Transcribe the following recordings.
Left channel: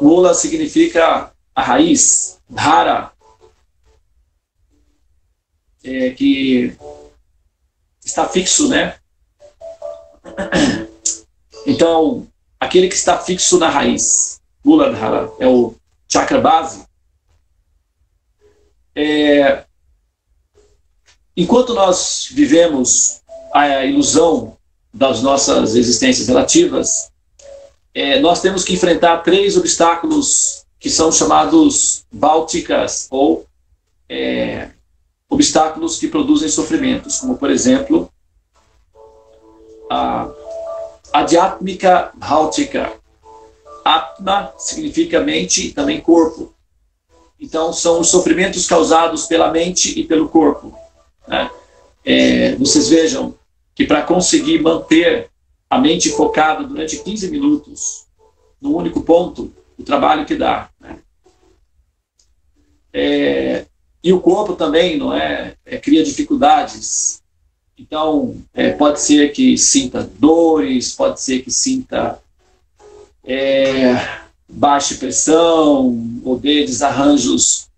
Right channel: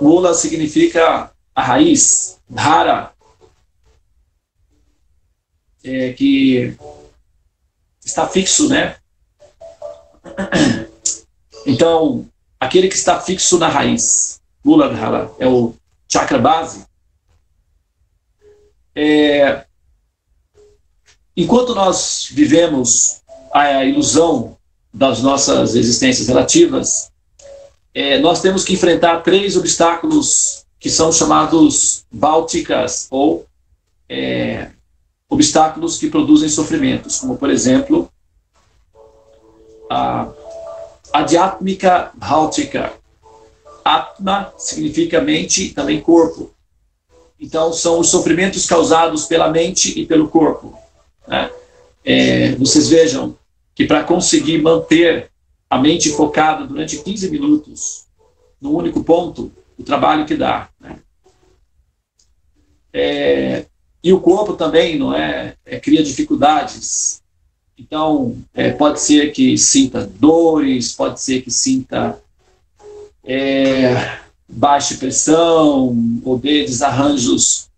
Mula significa a raiz, Dhara, que está fixo, né? Então, aquele que está fixo na raiz, Muladhara, é o chakra base. Enquanto nós vivemos a ilusão das nossas existências relativas, nós temos que enfrentar 3 obstáculos que são chamados bálticas, ou obstáculos que produzem sofrimentos, como, por exemplo, a Adhyatmika Bhautika. Atma significa mente e também corpo. Então, são os sofrimentos causados pela mente e pelo corpo, né? Vocês vejam que para conseguir manter a mente focada durante 15 minutos num único ponto, o trabalho que dá, né? E o corpo também cria dificuldades. Então, pode ser que sinta dores, pode ser que sinta baixa pressão, ou dê desarranjos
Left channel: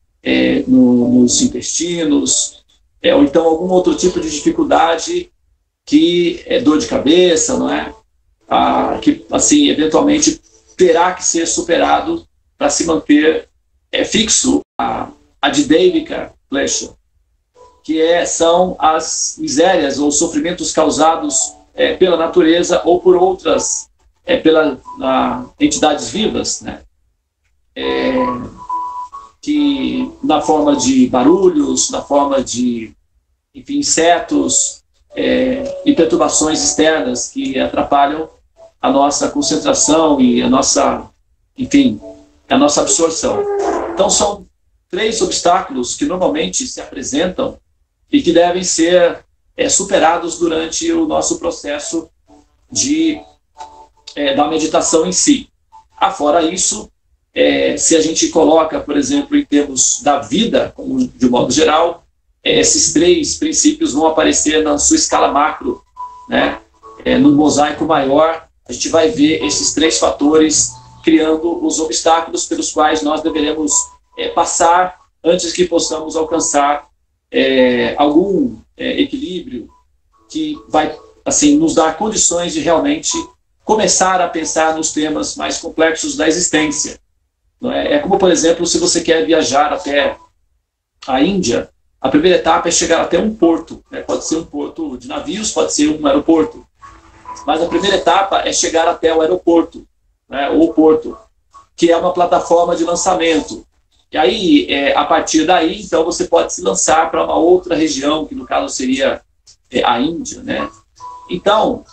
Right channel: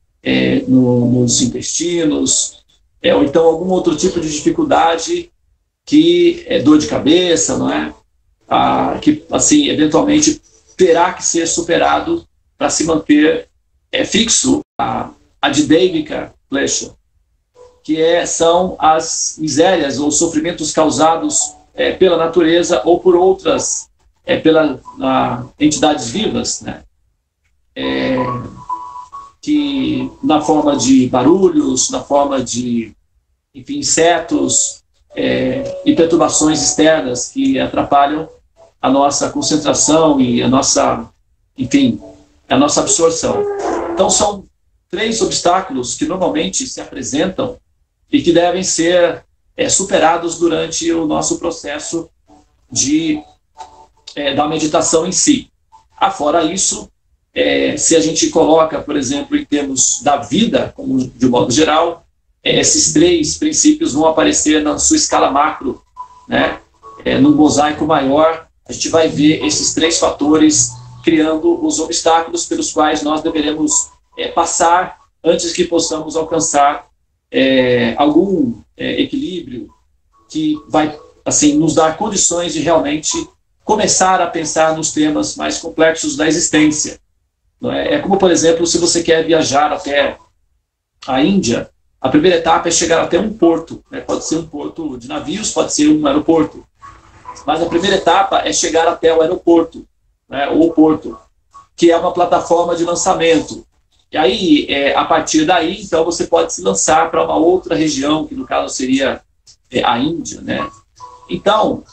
nos intestinos, ou então algum outro tipo de dificuldade que é dor de cabeça, não é? Que, assim, eventualmente terá que ser superado para se manter fixo a Adidevika Klesha, que são as misérias ou sofrimentos causados pela natureza ou por outras, pelas entidades vivas, né? Que na forma de barulhos, na forma de, enfim, insetos e perturbações externas que atrapalham a nossa concentração e a nossa, enfim, a nossa absorção. Então, são 3 obstáculos que normalmente se apresentam e que devem ser superados durante o nosso processo da meditação em si. Afora isso, se a gente coloca, por exemplo, em termos da vida, de um modo geral, esses 3 princípios vão aparecer na sua escala macro, né? No mosaico maior, a gente vai ver esses 3 fatores criando os obstáculos pelos quais nós deveremos passar antes que possamos alcançar algum equilíbrio que vai, assim, nos dar condições de realmente começar a pensar nos temas mais complexos da existência. Não é? Como, por exemplo, se você quer viajar até a Índia, a primeira etapa é chegar até um porto, né? Pode ser um porto de navios, pode ser um aeroporto, mas a primeira etapa é chegar até o aeroporto, né? Ou o porto, que é uma plataforma de lançamento. E aí, a partir daí, então, você pode se lançar para uma outra região, que no caso seria a Índia, né? Então,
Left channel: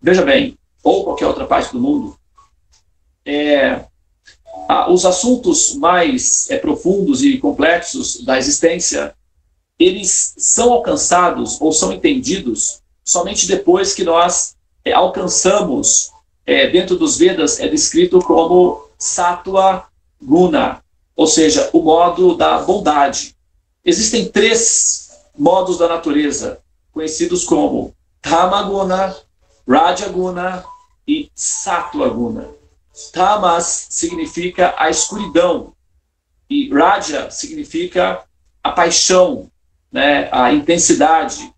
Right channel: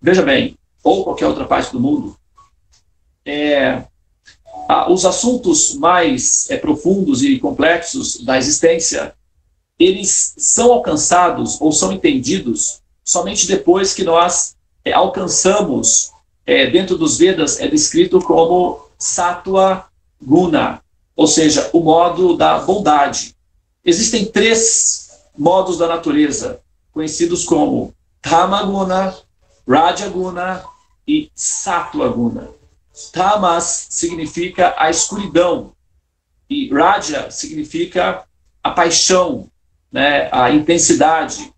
veja bem, ou qualquer outra parte do mundo, os assuntos mais profundos e complexos da existência, eles são alcançados ou são entendidos somente depois que nós alcançamos, dentro dos Vedas é descrito como Sattva Guna, ou seja, o modo da bondade. Existem 3 modos da natureza, conhecidos como Tamaguna, Rajaguna e Sattva Guna. Tamas significa a escuridão, e Raja significa a paixão, né, a intensidade,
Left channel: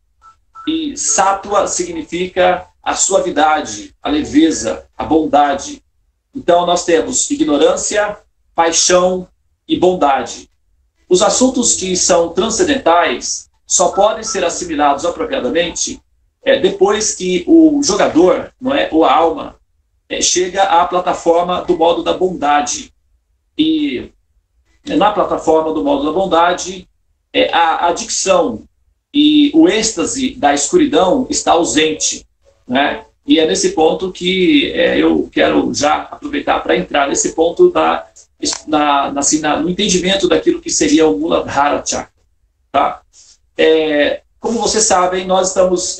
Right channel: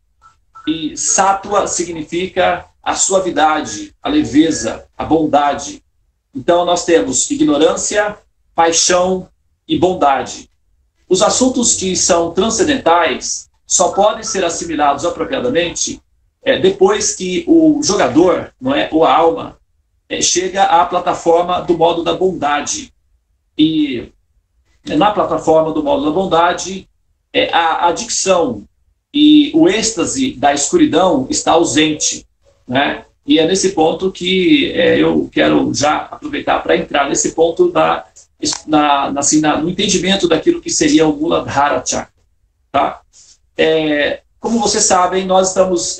e Sattva significa a suavidade, a leveza, a bondade. Então nós temos ignorância, paixão e bondade. Os assuntos que são transcendentais só podem ser assimilados apropriadamente depois que o jogador, não é, ou a alma, chega à plataforma do modo da bondade. E na plataforma do modo da bondade, a adicção e o êxtase da escuridão está ausente, né? E é nesse ponto que eu quero já aproveitar para entrar nesse ponto no entendimento daquilo que seria o Muladhara Chakra. Tá? Como vocês sabem, nós estamos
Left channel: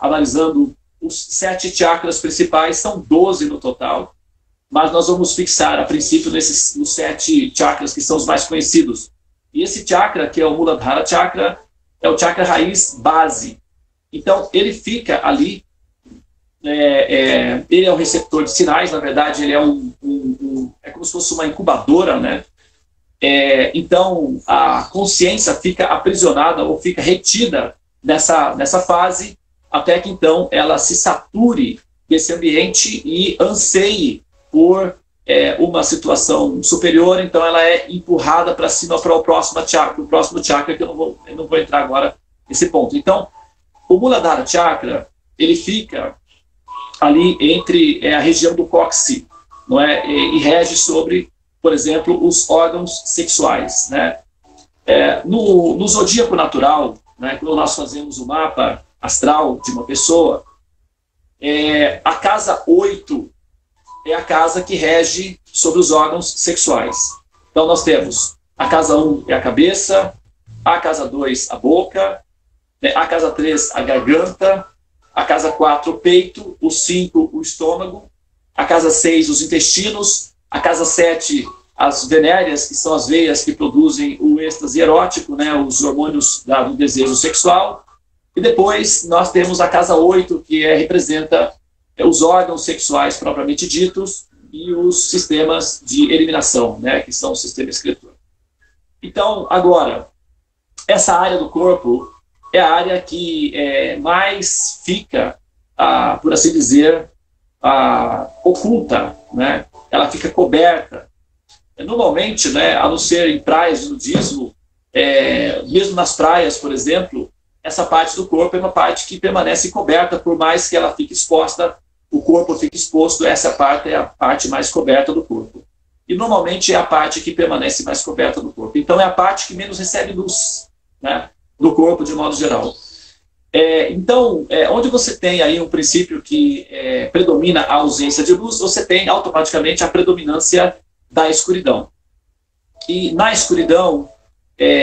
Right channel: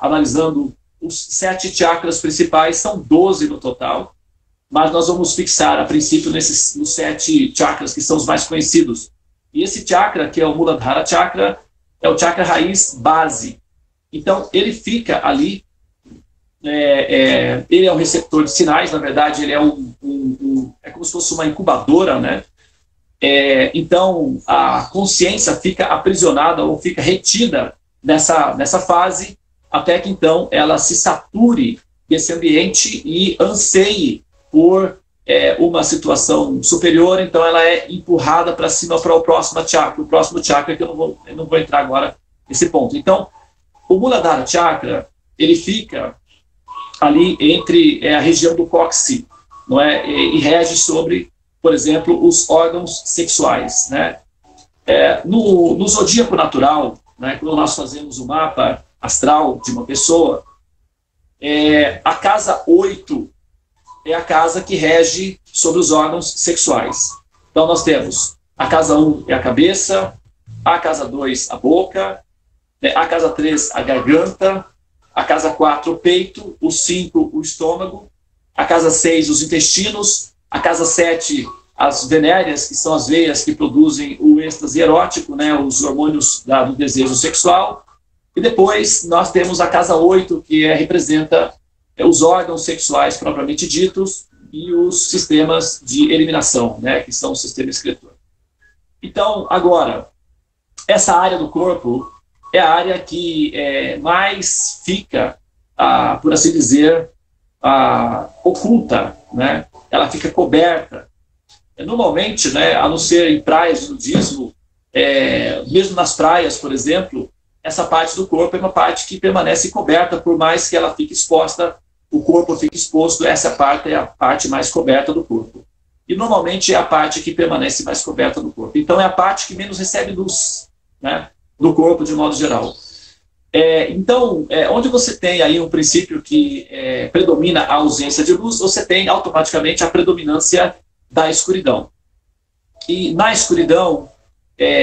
analisando os 7 chakras principais, são 12 no total, mas nós vamos fixar a princípio nos 7 chakras que são os mais conhecidos. E esse chakra, que é o Muladhara Chakra, é o chakra raiz base. Então, ele fica ali ele é um receptor de sinais, na verdade ele é é como se fosse uma incubadora, né? Então a consciência fica aprisionada ou fica retida nessa fase, até que então ela se sature desse ambiente e anseie por uma situação superior, então ela é empurrada para cima para o próximo chakra, que eu não vou entrar agora nesse ponto. Então, o Muladhara Chakra, ele fica ali entre a região do cóccix, não é? E rege sobre, por exemplo, os órgãos sexuais, né? No zodíaco natural, né, quando nós fazemos o mapa astral de uma pessoa, a casa 8 é a casa que rege sobre os órgãos sexuais. Então nós temos a casa 1 é a cabeça, a casa 2 a boca, a casa 3 a garganta, a casa 4 o peito, o 5 o estômago, a casa 6 os intestinos, a casa 7 as venéreas, que são as veias que produzem o êxtase erótico, né, os hormônios do desejo sexual. E depois nós temos a casa 8, que representa os órgãos sexuais propriamente ditos e os sistemas de eliminação, né, que são o sistema excretor. Então, agora, essa área do corpo é a área que mais fica, por assim dizer, oculta, né? Ela fica coberta. Normalmente, né, a não ser em praias de nudismo, mesmo nas praias, por exemplo, essa parte do corpo é uma parte que permanece coberta, por mais que ela fique exposta, o corpo fique exposto, essa parte é a parte mais coberta do corpo. E normalmente é a parte que permanece mais coberta do corpo. Então é a parte que menos recebe luz, né, do corpo de modo geral. Então, onde você tem aí um princípio que predomina a ausência de luz, você tem automaticamente a predominância da escuridão. E na escuridão,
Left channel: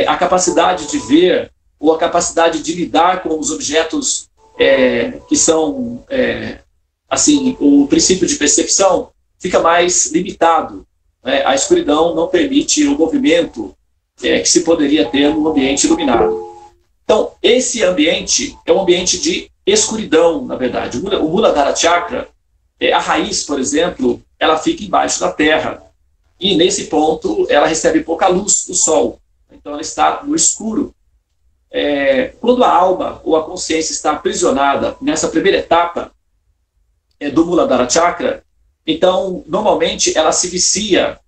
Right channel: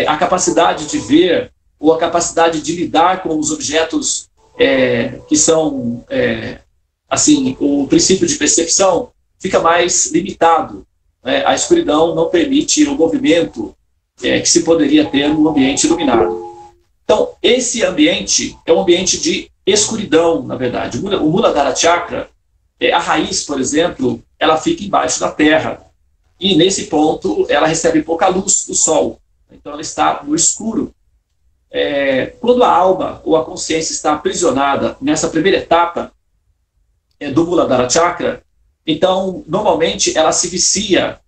a capacidade de ver ou a capacidade de lidar com os objetos que são, assim, o princípio de percepção fica mais limitado. Né? A escuridão não permite o movimento que se poderia ter no ambiente iluminado. Então, esse ambiente é um ambiente de escuridão, na verdade. O Muladhara Chakra, a raiz, por exemplo, ela fica embaixo da terra. E nesse ponto ela recebe pouca luz do sol, então ela está no escuro. Quando a alma ou a consciência está aprisionada nessa primeira etapa do Muladhara Chakra, então normalmente ela se vicia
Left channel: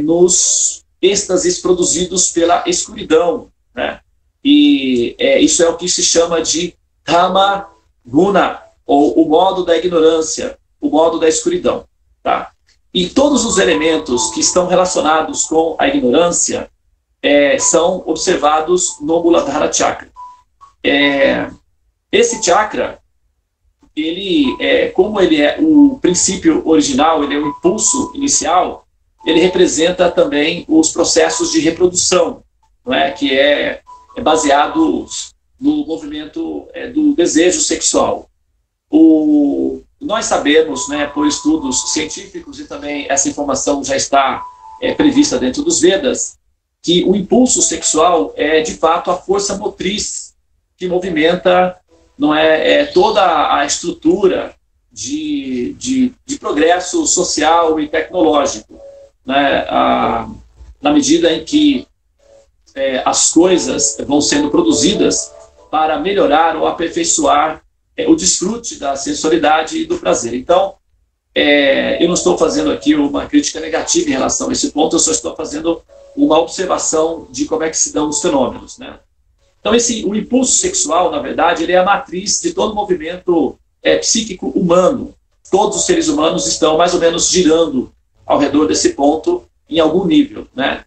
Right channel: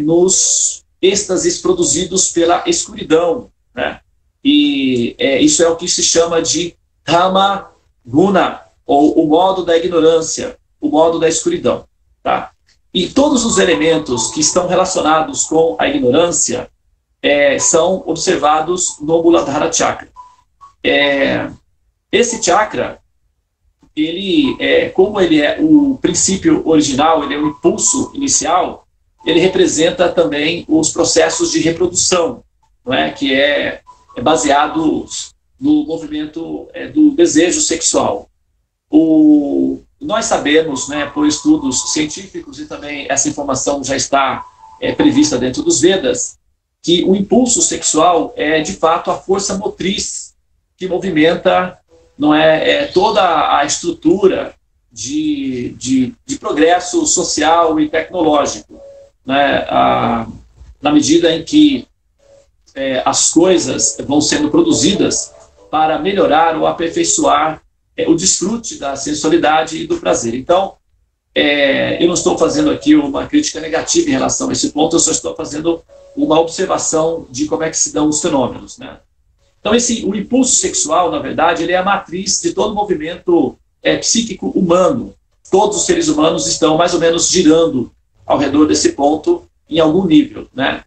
nos êxtases produzidos pela escuridão, né? E isso é o que se chama de Tama Guna, ou o modo da ignorância, o modo da escuridão, tá? E todos os elementos que estão relacionados com a ignorância são observados no Muladhara Chakra. Esse chakra, como ele é o princípio original, ele é o impulso inicial, ele representa também os processos de reprodução, não é? Que é baseado no movimento do desejo sexual. Nós sabemos, né, por estudos científicos, e também essa informação já está prevista dentro dos Vedas, que o impulso sexual é, de fato, a força motriz que movimenta, não toda a estrutura de progresso social e tecnológico, né, na medida em que as coisas vão sendo produzidas para melhorar ou aperfeiçoar o desfrute da sensualidade e do prazer. Então, eu não estou fazendo aqui uma crítica negativa em relação a esse ponto, eu só estou fazendo uma observação de como é que se dão os fenômenos, né? Então, o impulso sexual, na verdade, ele é a matriz de todo o movimento psíquico humano. Todos os seres humanos estão mais ou menos girando ao redor desse ponto em algum nível, né?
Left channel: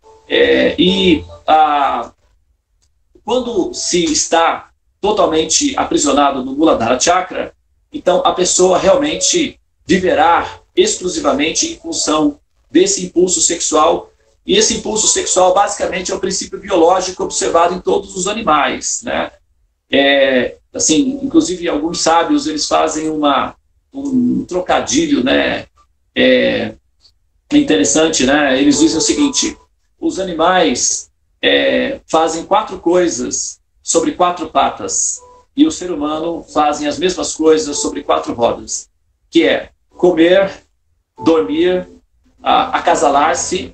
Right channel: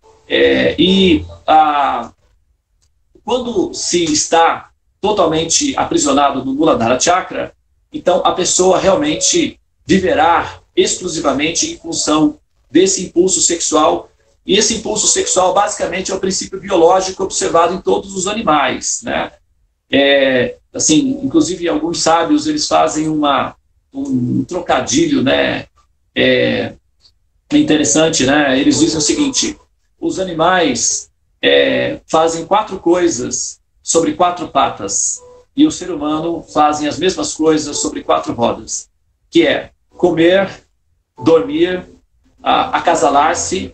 Quando se está totalmente aprisionado no Muladhara Chakra, então a pessoa realmente viverá exclusivamente em função desse impulso sexual. E esse impulso sexual, basicamente, é o princípio biológico observado em todos os animais, né? Assim, inclusive, alguns sábios, eles fazem um trocadilho, né? Interessante, né? Eles dizem o seguinte: os animais fazem 4 coisas sobre 4 patas. e o ser humano fazem as mesmas coisas sobre 4 rodas, que é comer, dormir, acasalar-se,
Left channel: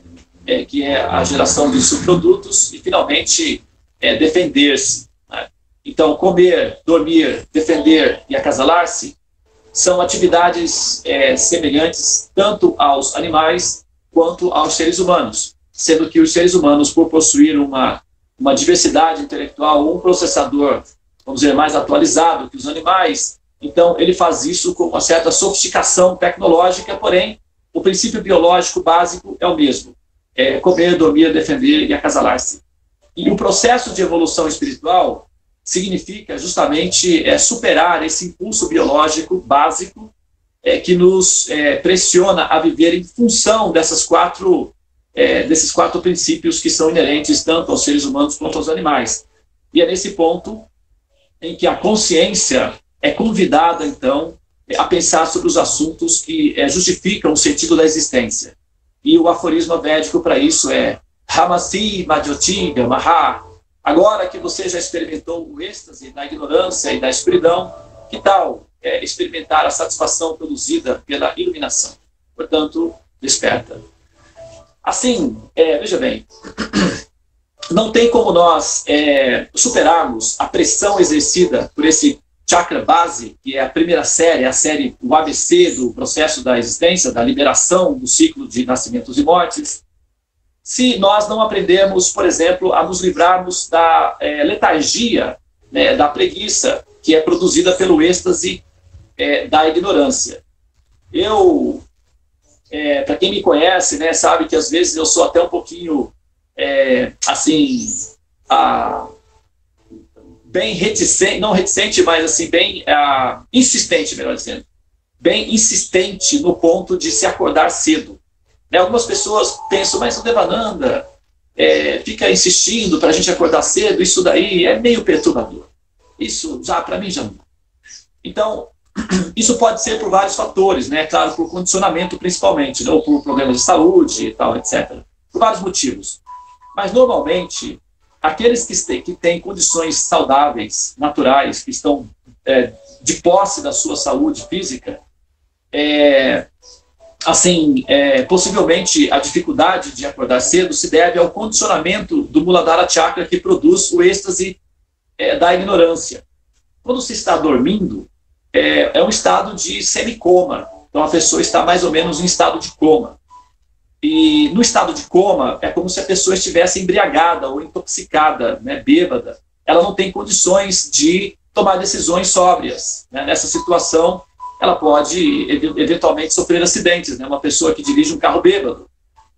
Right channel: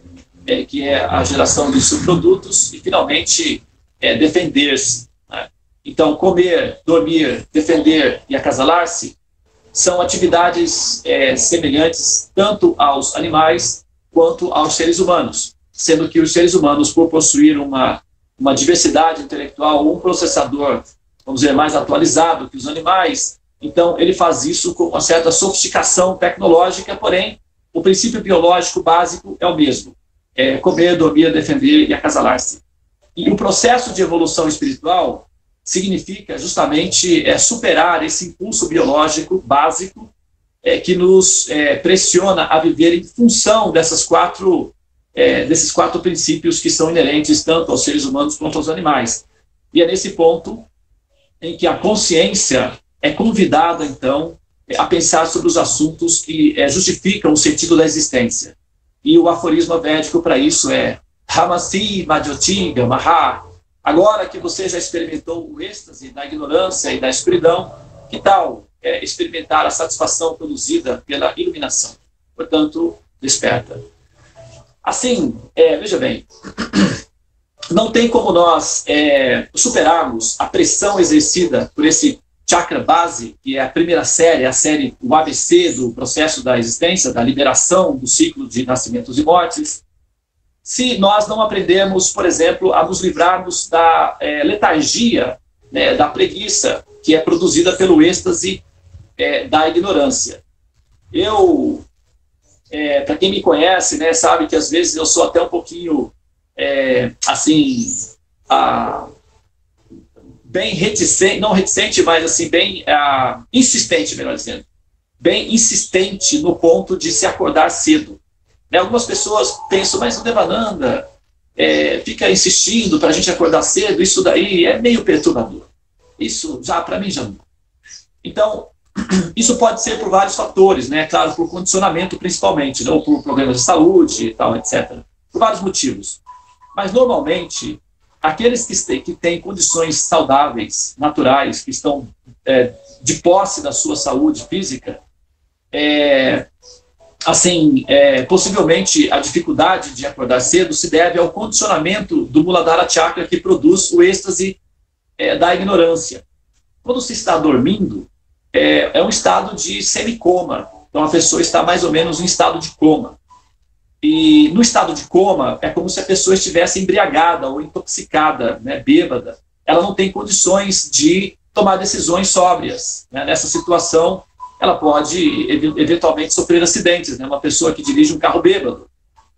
que é a geração de subprodutos, e, finalmente, defender-se. Né? Então, comer, dormir, defender e acasalar-se são atividades semelhantes tanto aos animais quanto aos seres humanos, sendo que os seres humanos, por possuir uma diversidade intelectual, um processador, vamos dizer, mais atualizado que os animais, então ele faz isso com uma certa sofisticação tecnológica, porém, o princípio biológico básico é o mesmo: comer, dormir, defender e acasalar-se. E o processo de evolução espiritual significa justamente superar esse impulso biológico básico que nos pressiona a viver em função desses quatro princípios que são inerentes tanto aos seres humanos quanto aos animais. E é nesse ponto em que a consciência é convidada, então, a pensar sobre os assuntos que justificam o sentido da existência. E o aforismo védico para isso é Hamasi Madhyoti Gamaha. Agora que você já experimentou o êxtase da ignorância e da escuridão, que tal experimentar a satisfação produzida pela iluminação? Portanto, desperta. Assim, veja bem, não tem como nós superarmos a pressão exercida por esse chakra base, que é a primeira série, a série, o ABC do processo da existência, da liberação do ciclo de nascimentos e mortes, se nós não aprendermos, por exemplo, a nos livrarmos da letargia, né, da preguiça, que é produzida pelo êxtase da ignorância. Para quem me conhece, né, sabe que às vezes eu sou até um pouquinho, bem reticente, não reticente, mas assim, bem insistente, melhor dizendo, bem insistente no ponto de se acordar cedo. Né, algumas pessoas pensam, mas o Devananda fica insistindo para a gente acordar cedo, isso daí é meio perturbador. Isso, para mim, já não. Então, isso pode ser por vários fatores, né? Claro, por condicionamento principalmente, né? Ou por problemas de saúde e tal, etc. Por vários motivos. Mas, normalmente, aqueles que têm condições saudáveis, naturais, que estão de posse da sua saúde física, possivelmente a dificuldade de acordar cedo se deve ao condicionamento do Muladhara Chakra, que produz o êxtase da ignorância. Quando se está dormindo, é um estado de semicoma. Então, a pessoa está mais ou menos em estado de coma. E no estado de coma, é como se a pessoa estivesse embriagada ou intoxicada, né, bêbada. Ela não tem condições de tomar decisões sóbrias. Né? Nessa situação, ela pode eventualmente sofrer acidentes. Né? Uma pessoa que dirige um carro bêbado,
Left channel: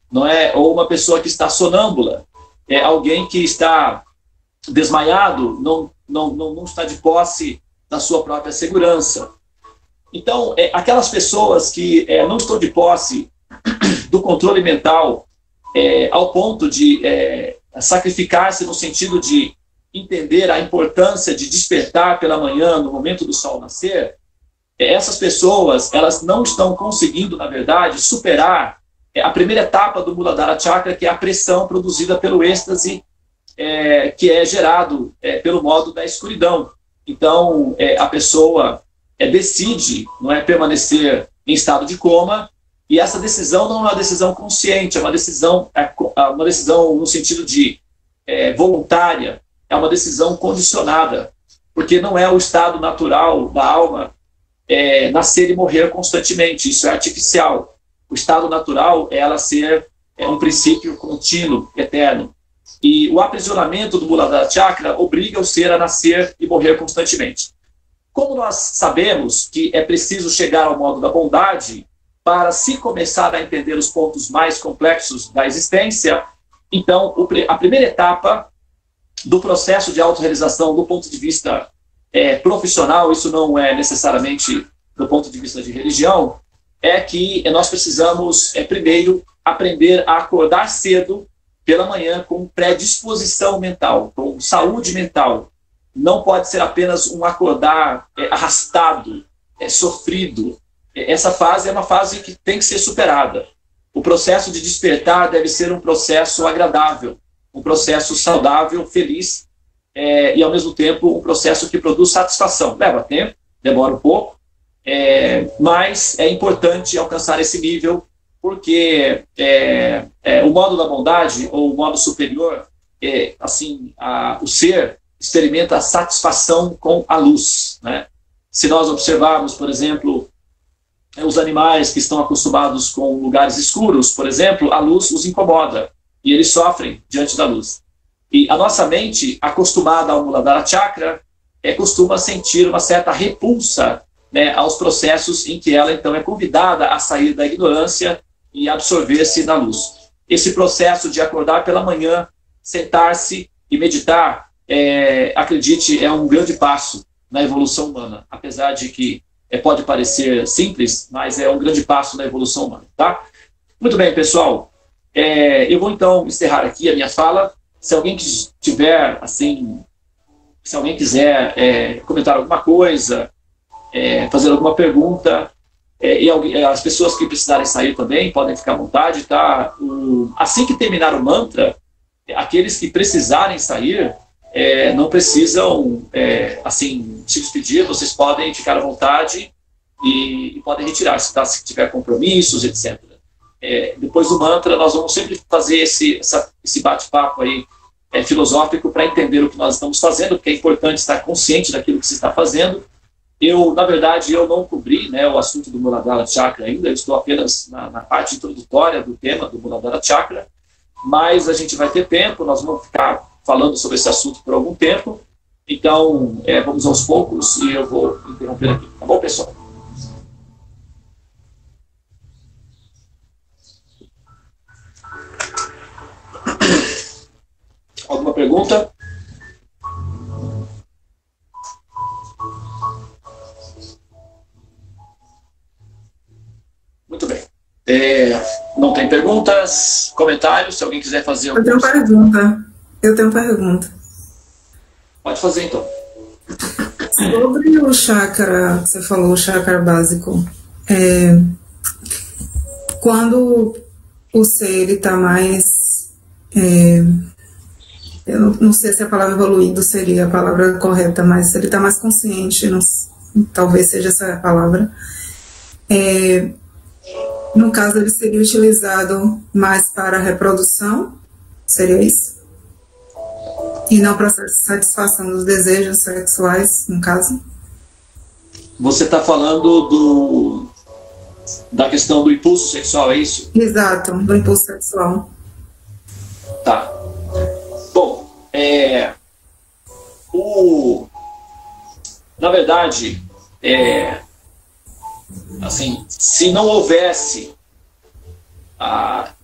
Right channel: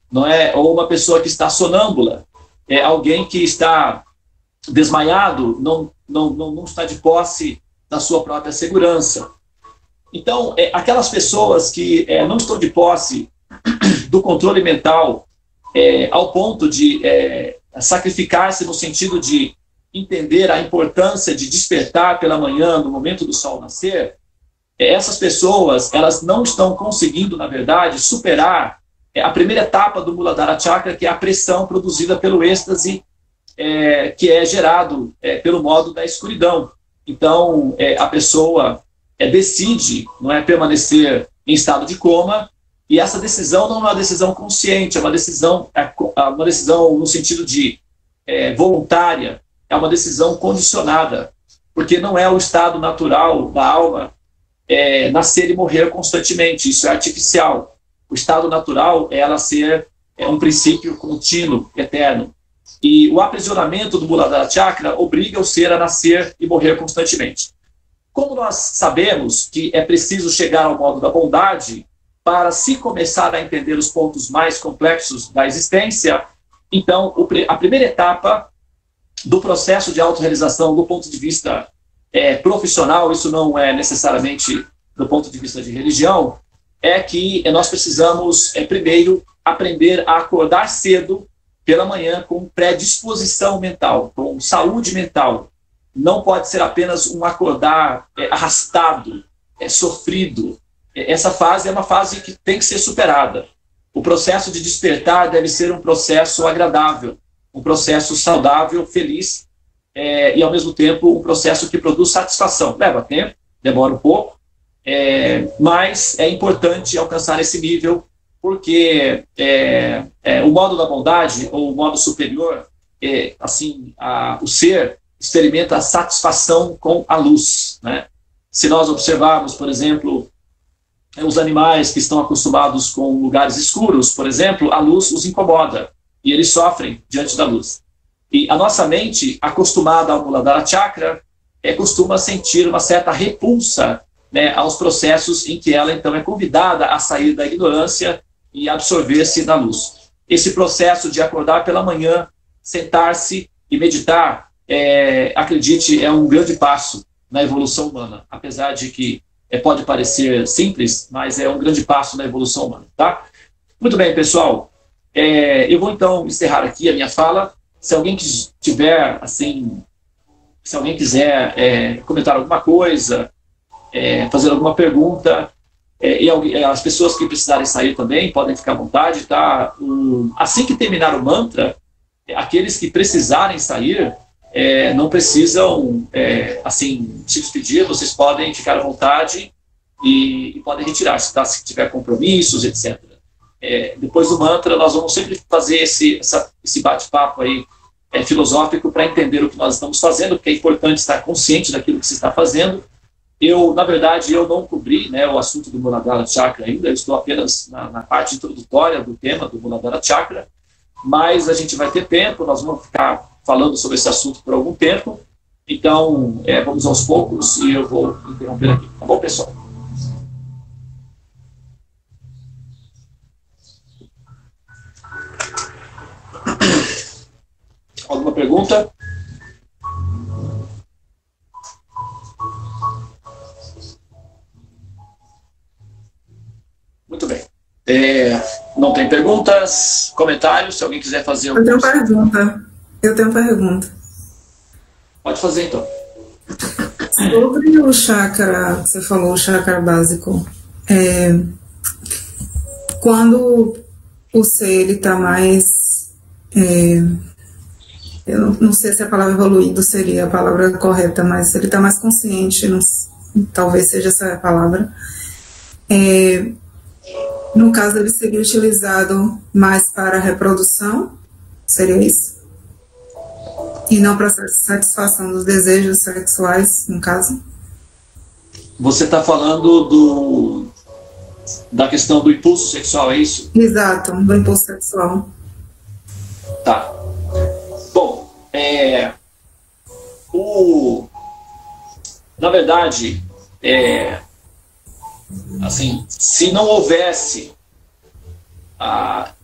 não é? Ou uma pessoa que está sonâmbula, alguém que está desmaiado, não está de posse da sua própria segurança. Então, aquelas pessoas que não estão de posse do controle mental ao ponto de sacrificar-se no sentido de entender a importância de despertar pela manhã, no momento do sol nascer, essas pessoas, elas não estão conseguindo, na verdade, superar a primeira etapa do Muladhara Chakra, que é a pressão produzida pelo êxtase, que é gerado pelo modo da escuridão. Então, a pessoa decide, não é, permanecer em estado de coma, e essa decisão não é uma decisão consciente, é uma decisão no sentido de voluntária, é uma decisão condicionada, porque não é o estado natural da alma nascer e morrer constantemente, isso é artificial. O estado natural é ela ser um princípio contínuo, eterno. E o aprisionamento do Muladhara Chakra obriga o ser a nascer e morrer constantemente. Como nós sabemos que é preciso chegar ao modo da bondade para se começar a entender os pontos mais complexos da existência, então a primeira etapa do processo de autorrealização do ponto de vista profissional, isso não é necessariamente do ponto de vista de religião, é que nós precisamos primeiro aprender a acordar cedo pela manhã com predisposição mental, com saúde mental. Não pode ser apenas um acordar arrastado, sofrido. Essa fase é uma fase que tem que ser superada. O processo de despertar deve ser um processo agradável, um processo saudável, feliz, e ao mesmo tempo um processo que produz satisfação. Leva tempo, demora um pouco, mas é importante alcançar esse nível, porque o modo da bondade, ou o modo superior, assim, o ser experimenta a satisfação com a luz, né? Se nós observarmos, por exemplo, os animais que estão acostumados com lugares escuros, por exemplo, a luz os incomoda e eles sofrem diante da luz. E a nossa mente, acostumada ao Muladhara Chakra, costuma sentir uma certa repulsa, né, aos processos em que ela, então, é convidada a sair da ignorância e absorver-se na luz. Esse processo de acordar pela manhã, sentar-se e meditar, acredite, é um grande passo na evolução humana, apesar de que pode parecer simples, mas é um grande passo na evolução humana, tá? Muito bem, pessoal. Eu vou, então, encerrar aqui a minha fala. Se alguém tiver, assim, se alguém quiser comentar alguma coisa, fazer alguma pergunta, e as pessoas que precisarem sair também podem ficar à vontade, tá? Assim que terminar o mantra, aqueles que precisarem sair, não precisam, assim, se despedir, vocês podem ficar à vontade e podem retirar-se, tá? Se tiver compromissos, etc. Depois do mantra, nós vamos sempre fazer esse bate-papo aí filosófico para entender o que nós estamos fazendo, porque é importante estar consciente daquilo que se está fazendo. Na verdade, eu não cobri, né, o assunto do Muladhara Chakra ainda, eu estou apenas na parte introdutória do tema do Muladhara Chakra, mas a gente vai ter tempo, nós vamos ficar falando sobre esse assunto por algum tempo, então vamos aos poucos e eu vou interromper aqui, tá bom, pessoal? Alguma pergunta? Muito bem. Não tem perguntas, comentários? Se alguém quiser fazer alguma coisa. Eu tenho pergunta. Pode fazer, então. Sobre o chakra, você falou, o chakra básico, quando o ser está mais... eu não sei se a palavra evoluído seria a palavra correta, mas ele está mais consciente, talvez seja essa a palavra. No caso, ele seria utilizado mais para a reprodução, seria isso? E não para a satisfação dos desejos sexuais, no caso? Você está falando da questão do impulso sexual, é isso? Exato, do impulso sexual. Tá. Bom, na verdade, assim, se não houvesse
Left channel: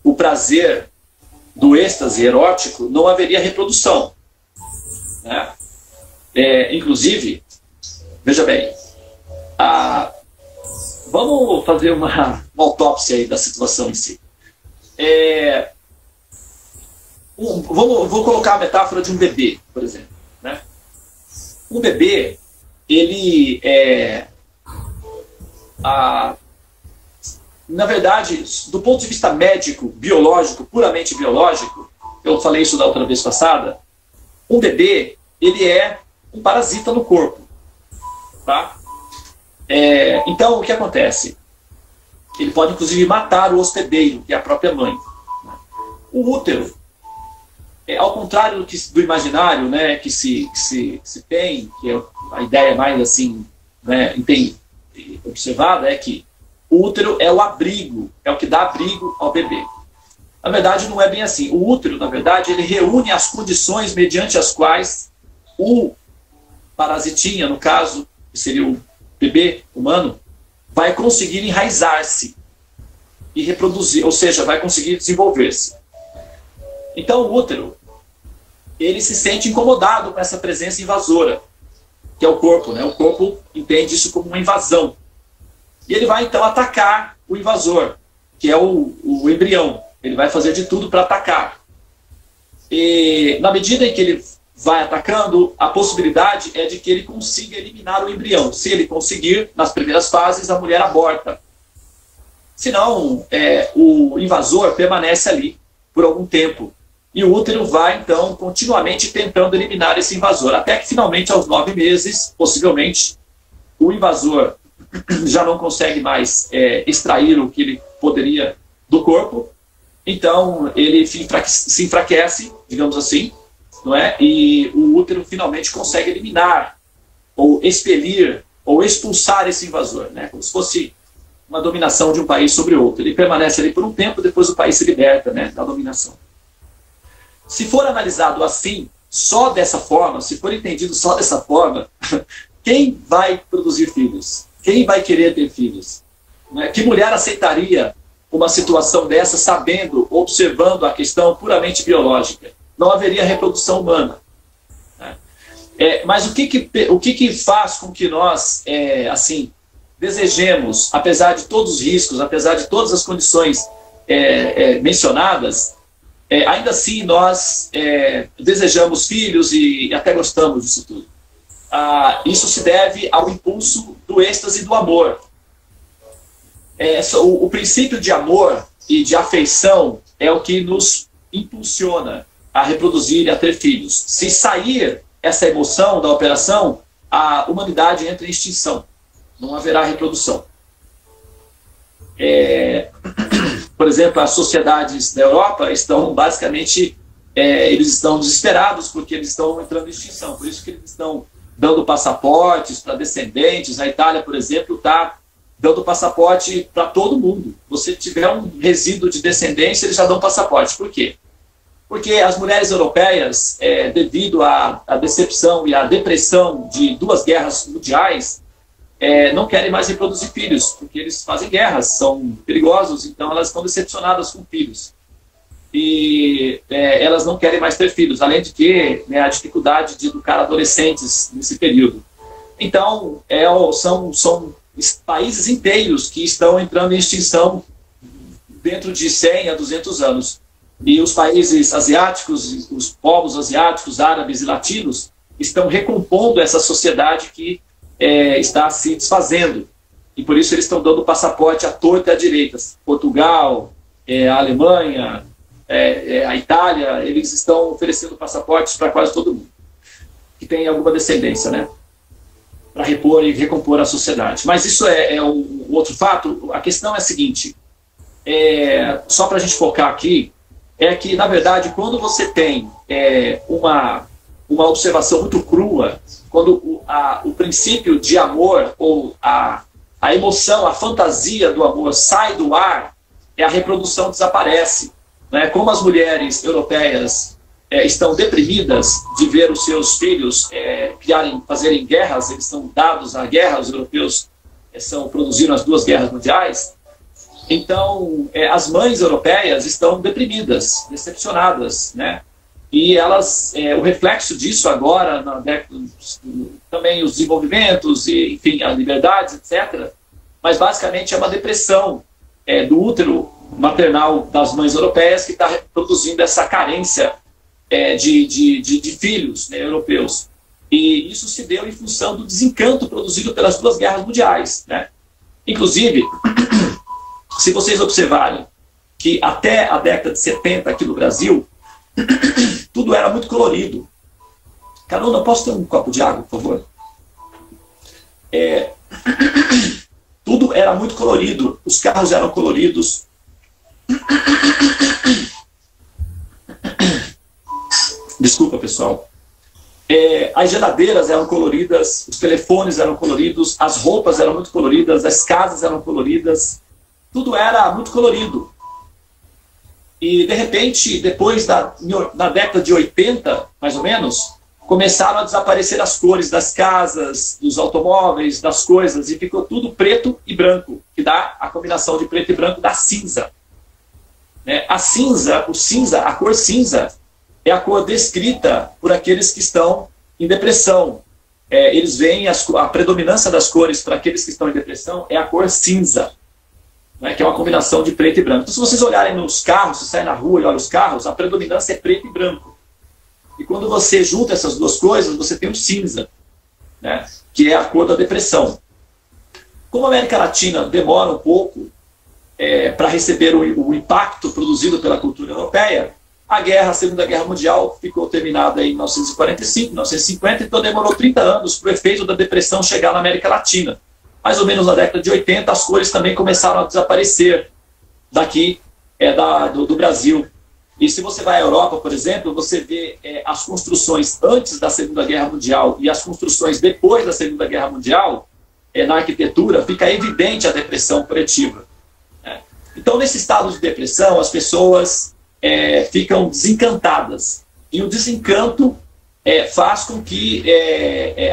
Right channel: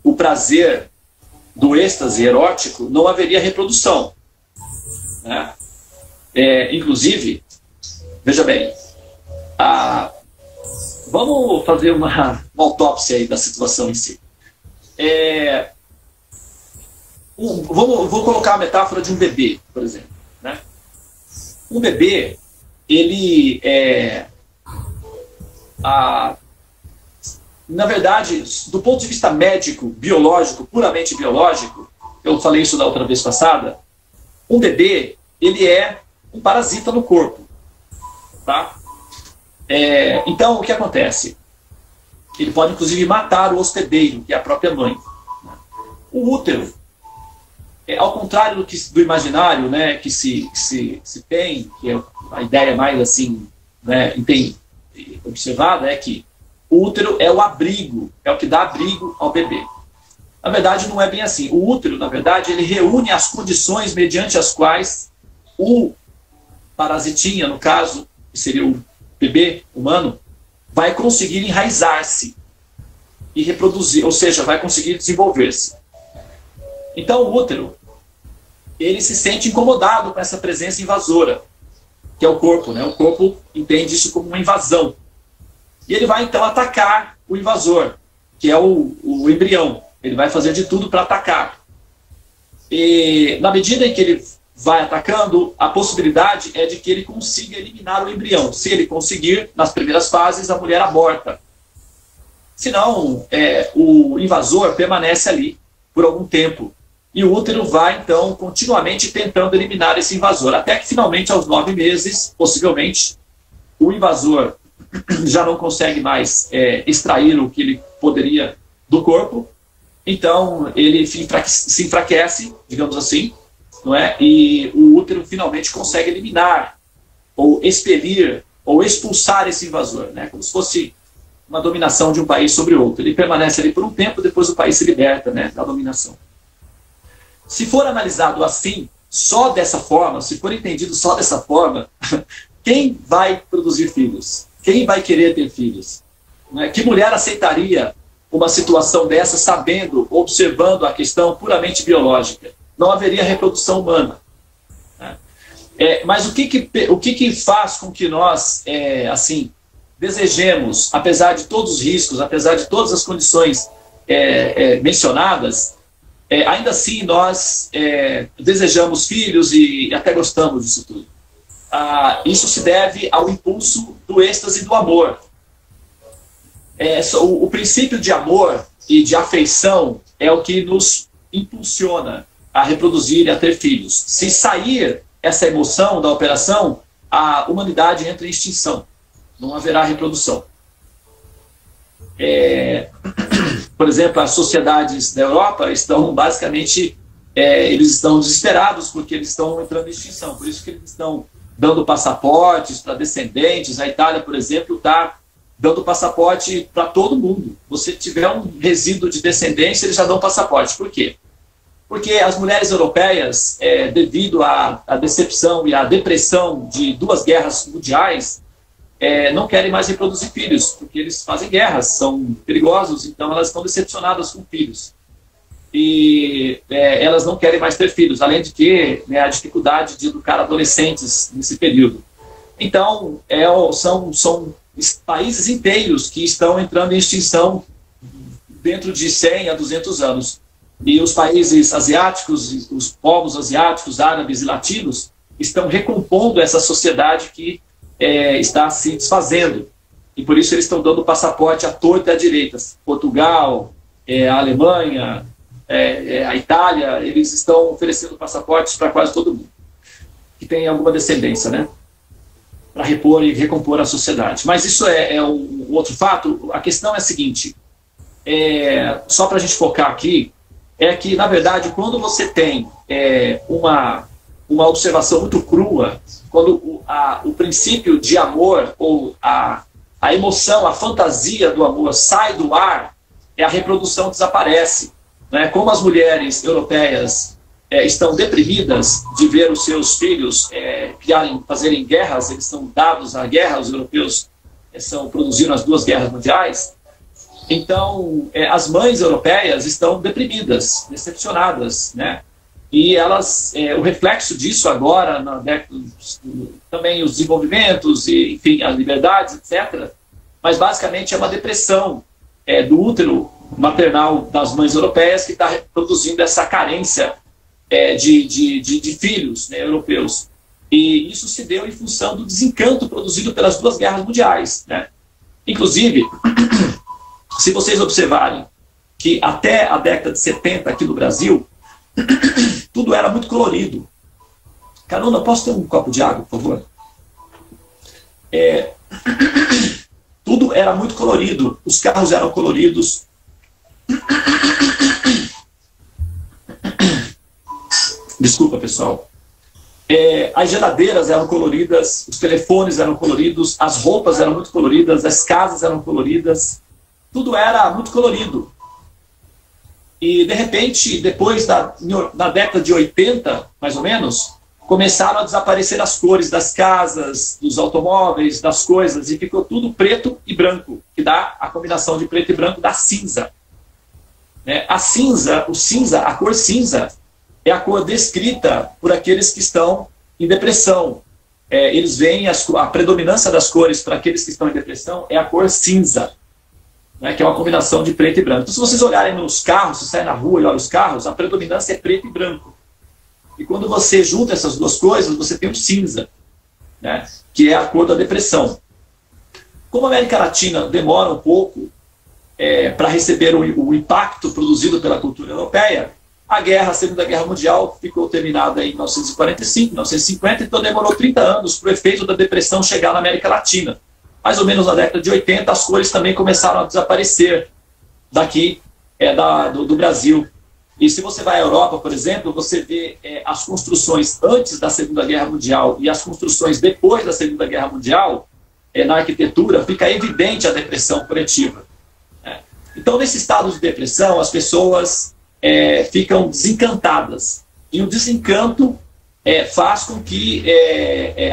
o prazer do êxtase erótico, não haveria reprodução, né? Inclusive, veja bem, vamos fazer uma autópsia aí da situação em si. Vou colocar a metáfora de um bebê, por exemplo, né? Um bebê, ele na verdade, do ponto de vista médico, biológico, puramente biológico, eu falei isso da outra vez passada, um bebê, ele é um parasita no corpo, tá? Então, o que acontece? Ele pode, inclusive, matar o hospedeiro, que é a própria mãe. O útero, ao contrário do imaginário, né, que se tem, que é a ideia mais assim, né, observada, é que o útero é o abrigo, é o que dá abrigo ao bebê. Na verdade, não é bem assim. O útero, na verdade, ele reúne as condições mediante as quais o parasitinha, no caso, que seria o bebê humano, vai conseguir enraizar-se e reproduzir, ou seja, vai conseguir desenvolver-se. Então, o útero, ele se sente incomodado com essa presença invasora, que é o corpo, né? O corpo entende isso como uma invasão. E ele vai, então, atacar o invasor, que é o embrião. Ele vai fazer de tudo para atacar. E, na medida em que ele vai atacando, a possibilidade é de que ele consiga eliminar o embrião. Se ele conseguir, nas primeiras fases, a mulher aborta. Senão, o invasor permanece ali por algum tempo. e o útero vai, então, continuamente tentando eliminar esse invasor, até que finalmente, aos 9 meses, possivelmente, o invasor já não consegue mais extrair o que ele poderia do corpo, então ele se enfraquece, digamos assim, não é? E o útero finalmente consegue eliminar, ou expelir, ou expulsar esse invasor, né? Como se fosse uma dominação de um país sobre outro. Ele permanece ali por um tempo, depois o país se liberta, né, da dominação. Se for analisado assim, só dessa forma, se for entendido só dessa forma, quem vai produzir filhos? Quem vai querer ter filhos? Que mulher aceitaria uma situação dessa, sabendo, observando a questão puramente biológica? Não haveria reprodução humana. Mas o que faz com que nós, assim, desejemos, apesar de todos os riscos, apesar de todas as condições mencionadas, ainda assim nós desejamos filhos e até gostamos disso tudo? Isso se deve ao impulso do êxtase do amor. O princípio de amor e de afeição é o que nos impulsiona a reproduzir e a ter filhos. Se sair essa emoção da operação, a humanidade entra em extinção. Não haverá reprodução. Por exemplo, as sociedades da Europa estão basicamente, eles estão desesperados porque eles estão entrando em extinção. Por isso que eles estão dando passaportes para descendentes. A Itália, por exemplo, está dando passaporte para todo mundo. Você tiver um resíduo de descendência, eles já dão passaporte. Por quê? Porque as mulheres europeias, devido à decepção e à depressão de 2 guerras mundiais, não querem mais reproduzir filhos, porque eles fazem guerras, são perigosos, então elas estão decepcionadas com filhos. E elas não querem mais ter filhos, além de que, né, a dificuldade de educar adolescentes nesse período. Então, são países inteiros que estão entrando em extinção dentro de 100 a 200 anos. E os países asiáticos, os povos asiáticos, árabes e latinos, estão recompondo essa sociedade que está se desfazendo. E por isso eles estão dando passaporte à torta e à direita. Portugal, a Alemanha, a Itália, eles estão oferecendo passaportes para quase todo mundo que tem alguma descendência, né? Para repor e recompor a sociedade. Mas isso é um outro fato. A questão é a seguinte, só para a gente focar aqui, é que, na verdade, quando você tem uma observação muito crua, quando o princípio de amor, ou a emoção, a fantasia do amor sai do ar, a reprodução desaparece. Né? Como as mulheres europeias estão deprimidas de ver os seus filhos fazerem guerras, eles são dados à guerra, os europeus produziram as 2 guerras mundiais. Então, as mães europeias estão deprimidas, decepcionadas, né? E elas, o reflexo disso agora, também os desenvolvimentos, e, enfim, as liberdades, etc. Mas, basicamente, é uma depressão do útero maternal das mães europeias que está produzindo essa carência de filhos, né, europeus. E isso se deu em função do desencanto produzido pelas 2 guerras mundiais, né? Inclusive, se vocês observarem que até a década de 70 aqui no Brasil, tudo era muito colorido. Carona, posso ter um copo de água, por favor? Tudo era muito colorido. Os carros eram coloridos. Desculpa, pessoal. As geladeiras eram coloridas, os telefones eram coloridos, as roupas eram muito coloridas, as casas eram coloridas. Tudo era muito colorido. E, de repente, depois na década de 80, mais ou menos, começaram a desaparecer as cores das casas, dos automóveis, das coisas, e ficou tudo preto e branco, que dá a combinação de preto e branco da cinza. A cinza, a cor cinza, é a cor descrita por aqueles que estão em depressão. Eles veem a predominância das cores para aqueles que estão em depressão é a cor cinza, né, que é uma combinação de preto e branco. Então, se vocês olharem nos carros, se saem na rua e olham os carros, a predominância é preto e branco. E quando você junta essas 2 coisas, você tem o cinza, né, que é a cor da depressão. Como a América Latina demora um pouco para receber o impacto produzido pela cultura europeia, A Segunda Guerra Mundial ficou terminada em 1945, 1950, então demorou 30 anos para o efeito da depressão chegar na América Latina. Mais ou menos na década de 80, as cores também começaram a desaparecer daqui do Brasil. E se você vai à Europa, por exemplo, você vê as construções antes da Segunda Guerra Mundial e as construções depois da Segunda Guerra Mundial, na arquitetura, fica evidente a depressão coletiva. Então, nesse estado de depressão, as pessoas ficam desencantadas. E o desencanto faz com que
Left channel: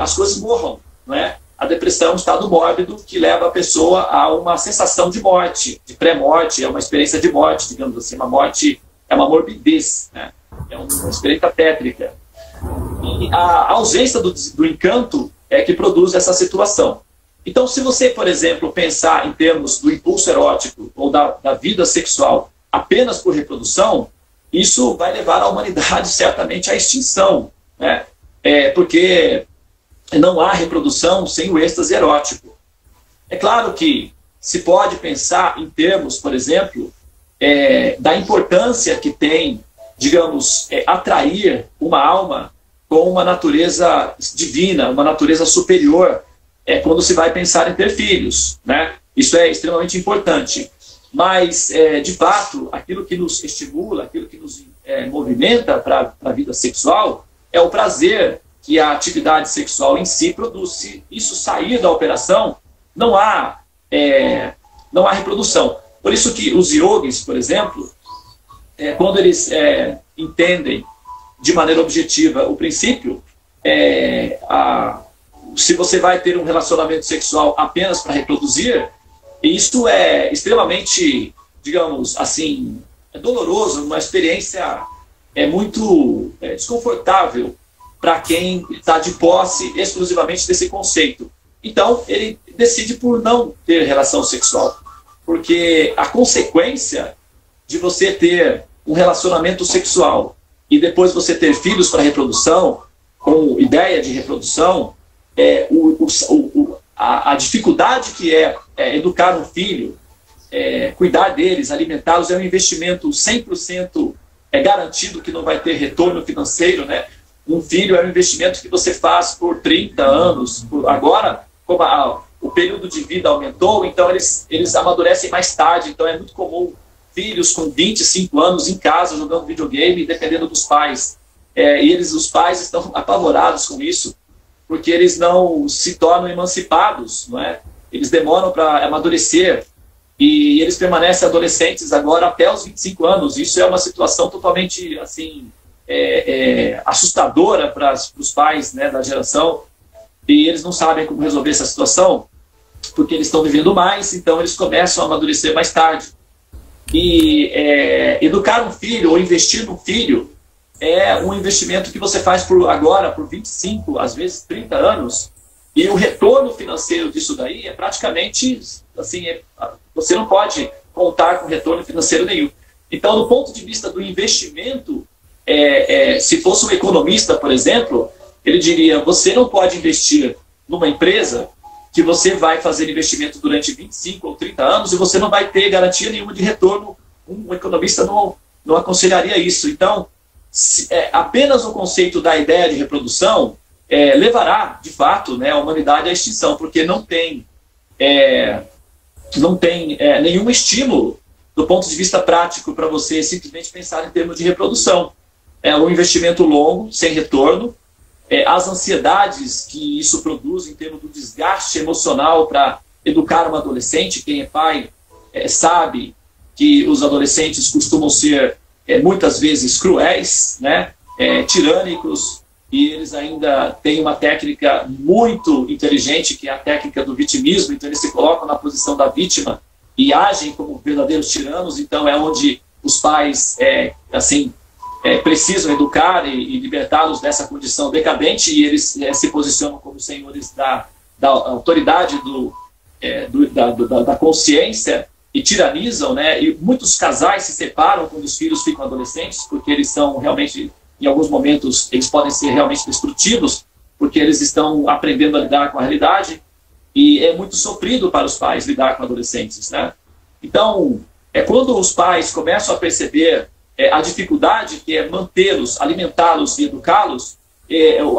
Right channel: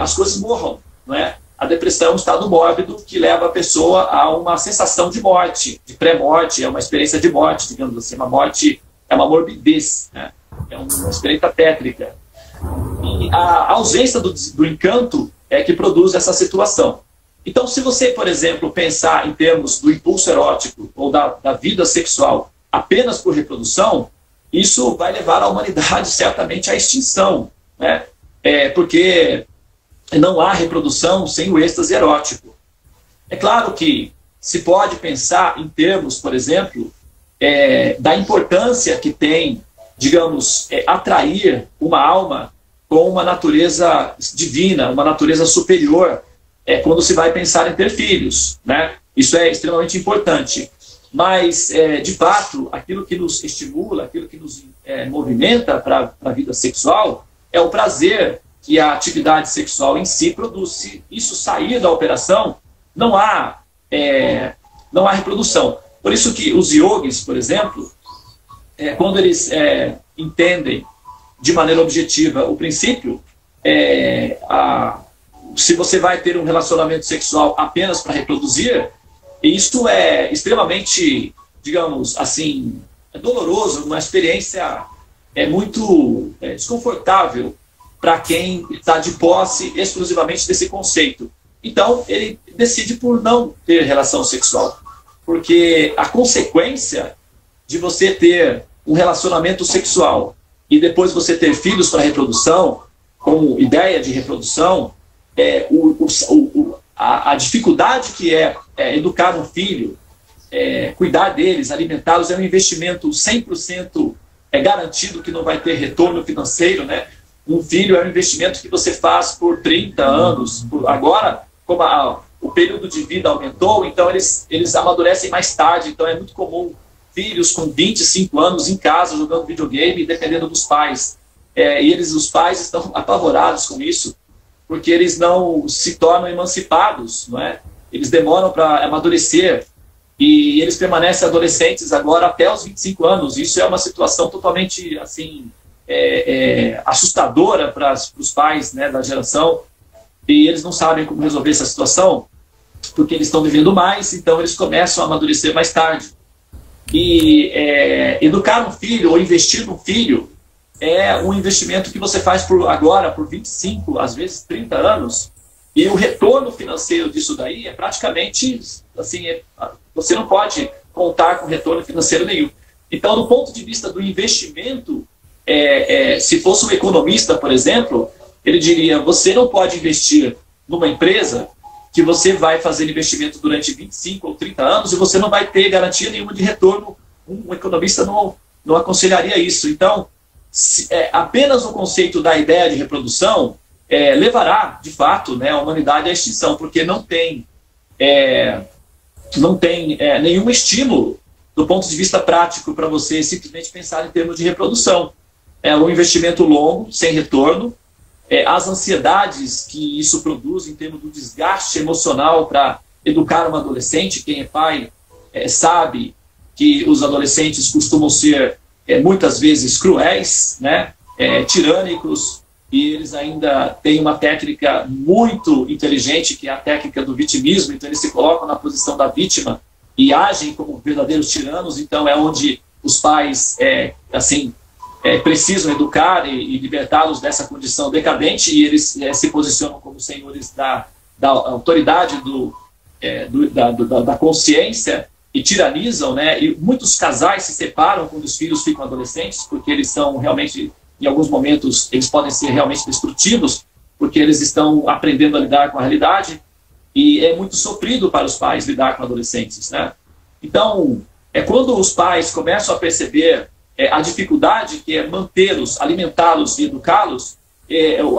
as coisas morram. Não é? A depressão é um estado mórbido que leva a pessoa a uma sensação de morte, de pré-morte, é uma experiência de morte, digamos assim. Uma morte é uma morbidez, né? É uma experiência tétrica. E a ausência do encanto é que produz essa situação. Então, se você, por exemplo, pensar em termos do impulso erótico ou da vida sexual apenas por reprodução, isso vai levar a humanidade certamente à extinção, né? Porque não há reprodução sem o êxtase erótico. É claro que se pode pensar em termos, por exemplo, da importância que tem, digamos, atrair uma alma com uma natureza divina, uma natureza superior, quando se vai pensar em ter filhos, né? Isso é extremamente importante. Mas, de fato, aquilo que nos estimula, aquilo que nos movimenta para a vida sexual é o prazer que a atividade sexual em si produz. Se isso sair da operação, não há reprodução. Por isso que os yogis, por exemplo, quando eles entendem de maneira objetiva o princípio, se você vai ter um relacionamento sexual apenas para reproduzir, isso é extremamente, digamos assim, doloroso, uma experiência muito desconfortável para quem está de posse exclusivamente desse conceito. Então, ele decide por não ter relação sexual, porque a consequência de você ter um relacionamento sexual e depois você ter filhos para reprodução, com ideia de reprodução, a dificuldade que é educar um filho, cuidar deles, alimentá-los, é um investimento 100% garantido que não vai ter retorno financeiro, né? Um filho é um investimento que você faz por 30 anos. Agora, como o período de vida aumentou, então eles amadurecem mais tarde. Então é muito comum filhos com 25 anos em casa jogando videogame, dependendo dos pais. E os pais estão apavorados com isso, porque eles não se tornam emancipados, não é? Eles demoram para amadurecer e eles permanecem adolescentes agora até os 25 anos. Isso é uma situação totalmente assim assustadora para os pais, né, da geração, e eles não sabem como resolver essa situação porque eles estão vivendo mais, então eles começam a amadurecer mais tarde. E educar um filho ou investir no filho é um investimento que você faz por 25, às vezes 30 anos, e o retorno financeiro disso daí é praticamente assim, você não pode contar com retorno financeiro nenhum. Então, do ponto de vista do investimento, se fosse um economista, por exemplo, ele diria: você não pode investir numa empresa que você vai fazer investimento durante 25 ou 30 anos e você não vai ter garantia nenhuma de retorno. Um economista não aconselharia isso. Então, apenas o conceito da ideia de reprodução levará, de fato, né, a humanidade à extinção, porque não tem nenhum estímulo do ponto de vista prático para você simplesmente pensar em termos de reprodução. É um investimento longo, sem retorno. As ansiedades que isso produz em termos do desgaste emocional para educar um adolescente, quem é pai sabe que os adolescentes costumam ser muitas vezes cruéis, né? Tirânicos, e eles ainda têm uma técnica muito inteligente, que é a técnica do vitimismo. Então eles se colocam na posição da vítima e agem como verdadeiros tiranos. Então é onde os pais precisam educar e libertá-los dessa condição decadente, e eles se posicionam como senhores da autoridade da consciência e tiranizam, né? E muitos casais se separam quando os filhos ficam adolescentes, porque eles são realmente, em alguns momentos, eles podem ser realmente destrutivos, porque eles estão aprendendo a lidar com a realidade, e é muito sofrido para os pais lidar com adolescentes, né? Então, quando os pais começam a perceber a dificuldade que é mantê-los, alimentá-los e educá-los,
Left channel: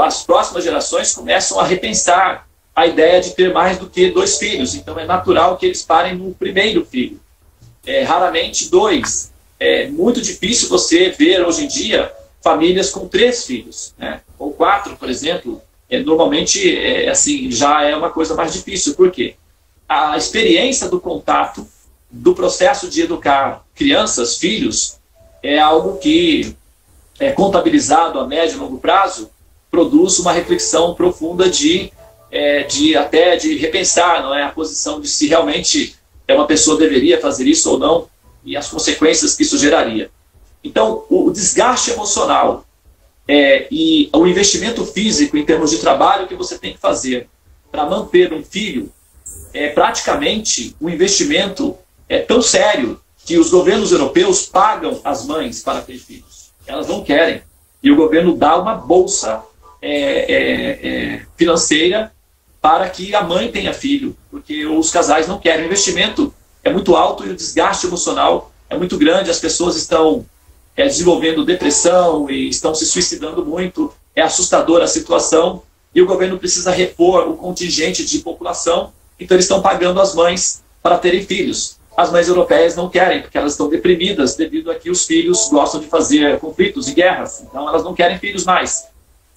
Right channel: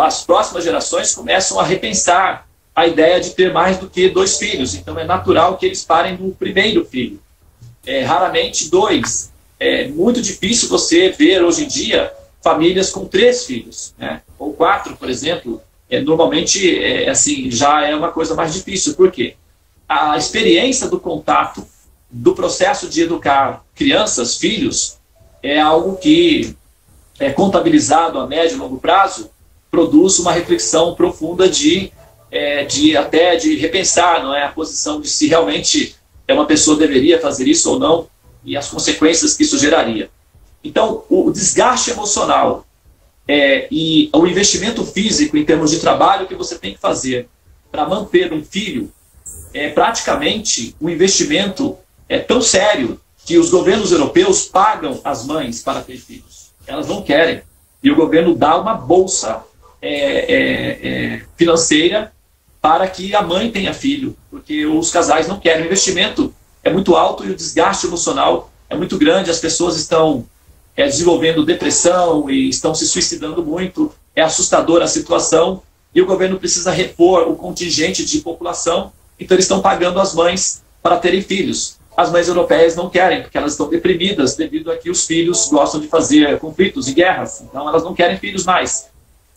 as próximas gerações começam a repensar a ideia de ter mais do que 2 filhos. Então é natural que eles parem no primeiro filho. Raramente 2. É muito difícil você ver hoje em dia famílias com 3 filhos, né? Ou 4, por exemplo. Normalmente, assim, já é uma coisa mais difícil. Por quê? A experiência do contato, do processo de educar crianças, filhos, é algo que, contabilizado a médio e longo prazo, produz uma reflexão profunda de repensar, não é, a posição de se realmente uma pessoa deveria fazer isso ou não, e as consequências que isso geraria. Então, o desgaste emocional e o investimento físico em termos de trabalho que você tem que fazer para manter um filho é praticamente um investimento tão sério que os governos europeus pagam as mães para ter filhos. Elas não querem. E o governo dá uma bolsa financeira para que a mãe tenha filho, porque os casais não querem. O investimento é muito alto e o desgaste emocional é muito grande. As pessoas estão desenvolvendo depressão e estão se suicidando muito. É assustadora a situação e o governo precisa repor o contingente de população, então eles estão pagando as mães para terem filhos. As mães europeias não querem, porque elas estão deprimidas devido a que os filhos gostam de fazer conflitos e guerras, então elas não querem filhos mais.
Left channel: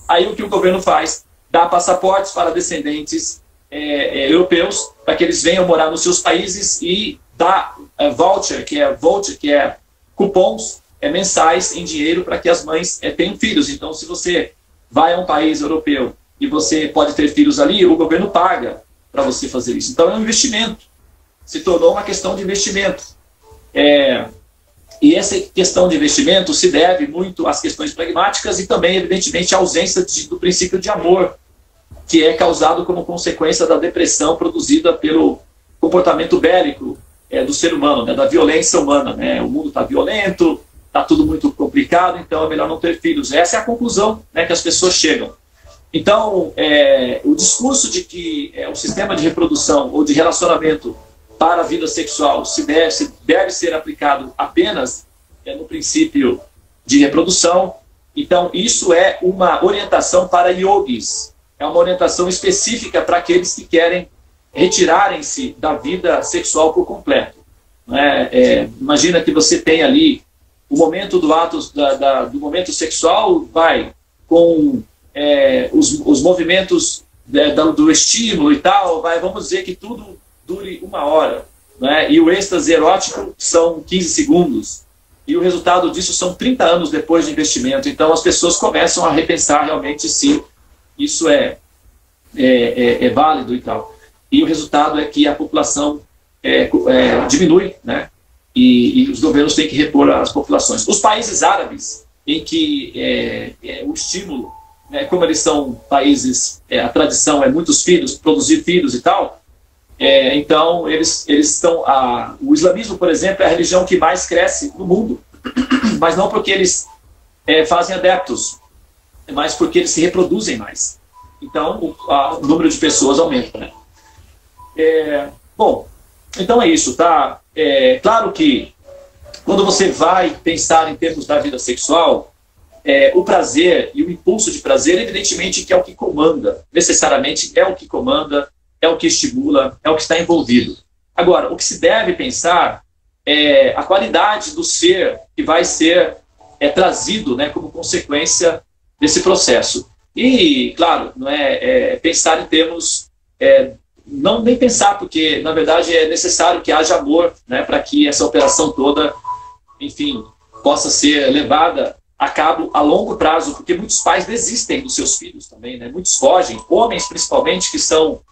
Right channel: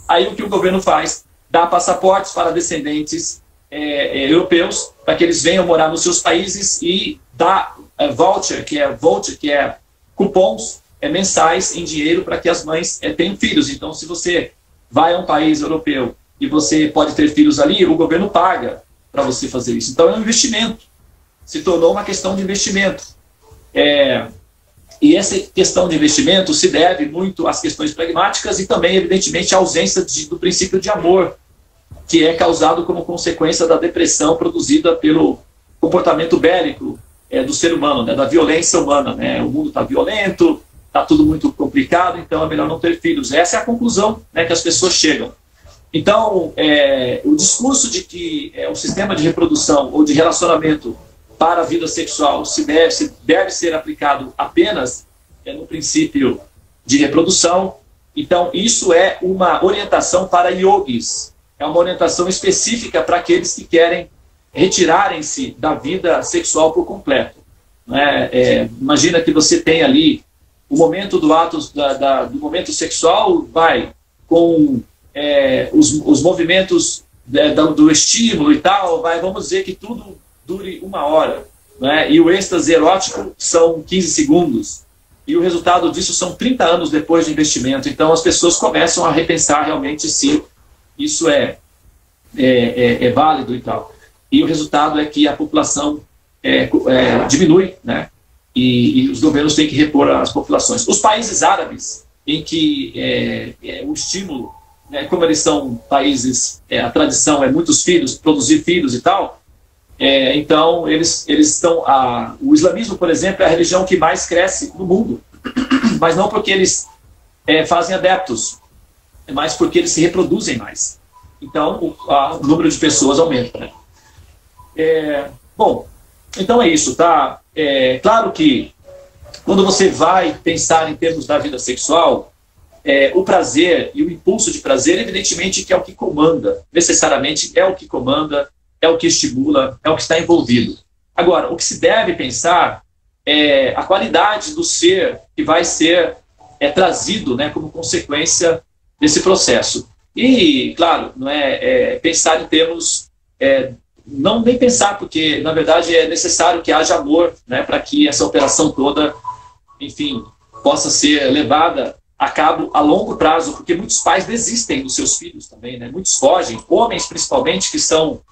Aí o que o governo faz? Dá passaportes para descendentes europeus, para que eles venham morar nos seus países, e dá voucher, que é cupons mensais em dinheiro para que as mães tenham filhos. Então, se você vai a um país europeu e você pode ter filhos ali, o governo paga para você fazer isso. Então, é um investimento. Se tornou uma questão de investimento. E essa questão de investimento se deve muito às questões pragmáticas e também, evidentemente, à ausência do princípio de amor, que é causado como consequência da depressão produzida pelo comportamento bélico do ser humano, né, da violência humana. Né? O mundo está violento, está tudo muito complicado, então é melhor não ter filhos. Essa é a conclusão, né, que as pessoas chegam. Então, o discurso de que o sistema de reprodução ou de relacionamento para a vida sexual deve ser aplicado apenas no princípio de reprodução. Então, isso é uma orientação para yogis, é uma orientação específica para aqueles que querem retirarem-se da vida sexual por completo. Imagina que você tem ali o momento do ato do momento sexual, vai com os movimentos do estímulo e tal, vamos dizer que tudo dure 1 hora, né? E o êxtase erótico são 15 segundos, e o resultado disso são 30 anos depois de investimento. Então as pessoas começam a repensar realmente se isso é válido e tal, e o resultado é que a população diminui, né? E os governos têm que repor as populações. Os países árabes, em que o estímulo, né, como eles são países, a tradição é muitos filhos, produzir filhos e tal, então eles estão... O islamismo, por exemplo, é a religião que mais cresce no mundo, mas não porque eles fazem adeptos, mas porque eles se reproduzem mais. Então o número de pessoas aumenta, né? Bom, então é isso, tá? Claro que quando você vai pensar em termos da vida sexual, o prazer e o impulso de prazer, evidentemente, que é o que comanda, necessariamente é o que comanda, é o que estimula, é o que está envolvido. Agora, o que se deve pensar é a qualidade do ser que vai ser trazido, né, como consequência desse processo. E, claro, não pensar em termos... não nem pensar, porque, na verdade, é necessário que haja amor, né, para que essa operação toda, enfim, possa ser levada a cabo a longo prazo, porque muitos pais desistem dos seus filhos também, né? Muitos fogem, homens principalmente, que são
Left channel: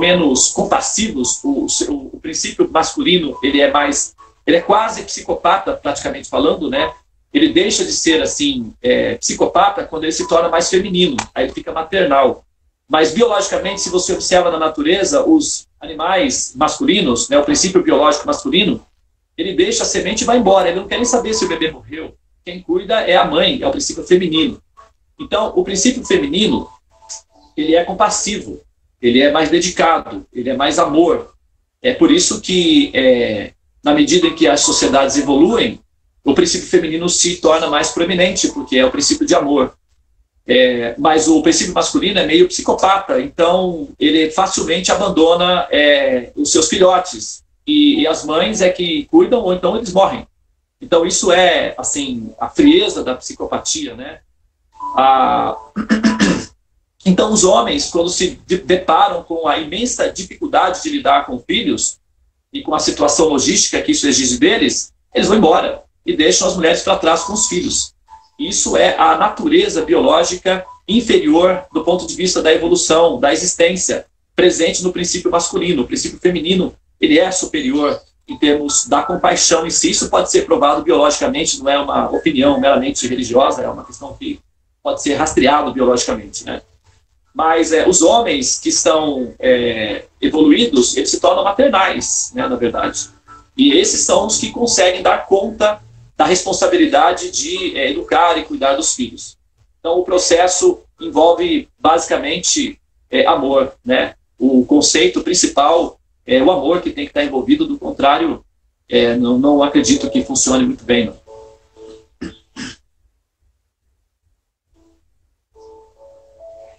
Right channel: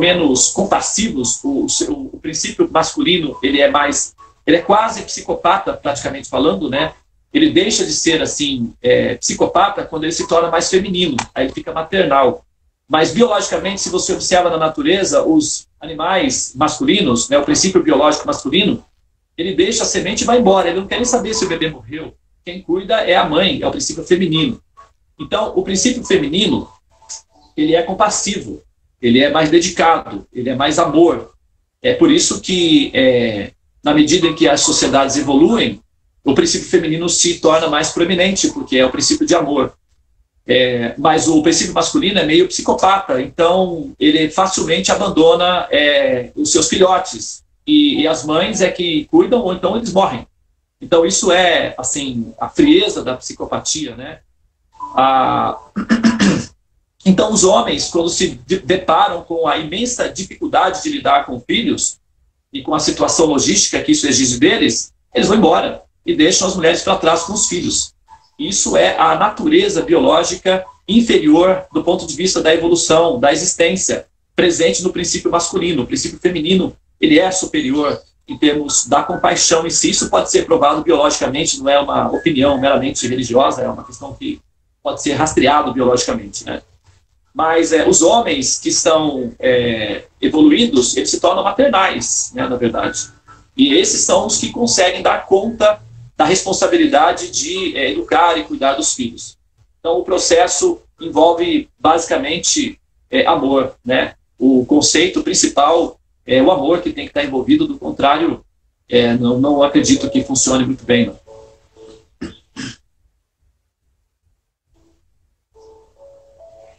menos compassivos. O princípio masculino, ele é quase psicopata, praticamente falando, né? Ele deixa de ser, assim, psicopata quando ele se torna mais feminino, aí ele fica maternal. Mas, biologicamente, se você observa na natureza, os animais masculinos, né, o princípio biológico masculino, ele deixa a semente e vai embora. Ele não quer nem saber se o bebê morreu. Quem cuida é a mãe, é o princípio feminino. Então, o princípio feminino, ele é compassivo, ele é mais dedicado, ele é mais amor. É por isso que, na medida em que as sociedades evoluem, o princípio feminino se torna mais proeminente, porque é o princípio de amor. Mas o princípio masculino é meio psicopata, então ele facilmente abandona os seus filhotes, e as mães é que cuidam, ou então eles morrem. Então isso é, assim, a frieza da psicopatia, né? Então os homens, quando se deparam com a imensa dificuldade de lidar com filhos, e com a situação logística que isso exige deles, eles vão embora e deixam as mulheres para trás com os filhos. Isso é a natureza biológica inferior do ponto de vista da evolução, da existência, presente no princípio masculino. O princípio feminino, ele é superior em termos da compaixão em si. Isso pode ser provado biologicamente, não é uma opinião meramente religiosa, é uma questão que pode ser rastreado biologicamente, né? Mas os homens que estão evoluídos, eles se tornam maternais, né, na verdade. E esses são os que conseguem dar conta da responsabilidade de educar e cuidar dos filhos. Então, o processo envolve, basicamente, amor, né? O conceito principal é o amor que tem que estar envolvido, do contrário, não acredito que funcione muito bem, não.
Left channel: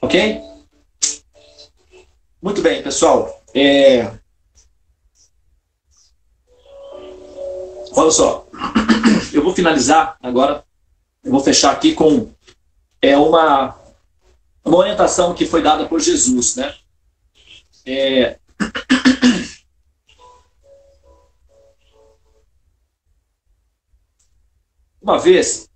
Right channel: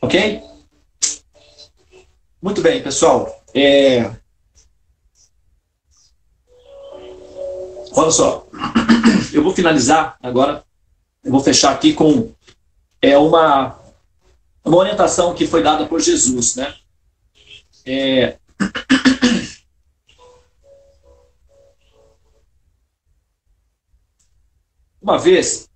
Ok? Muito bem, pessoal. Olha só. Eu vou finalizar agora. Eu vou fechar aqui com uma orientação que foi dada por Jesus, né? Uma vez...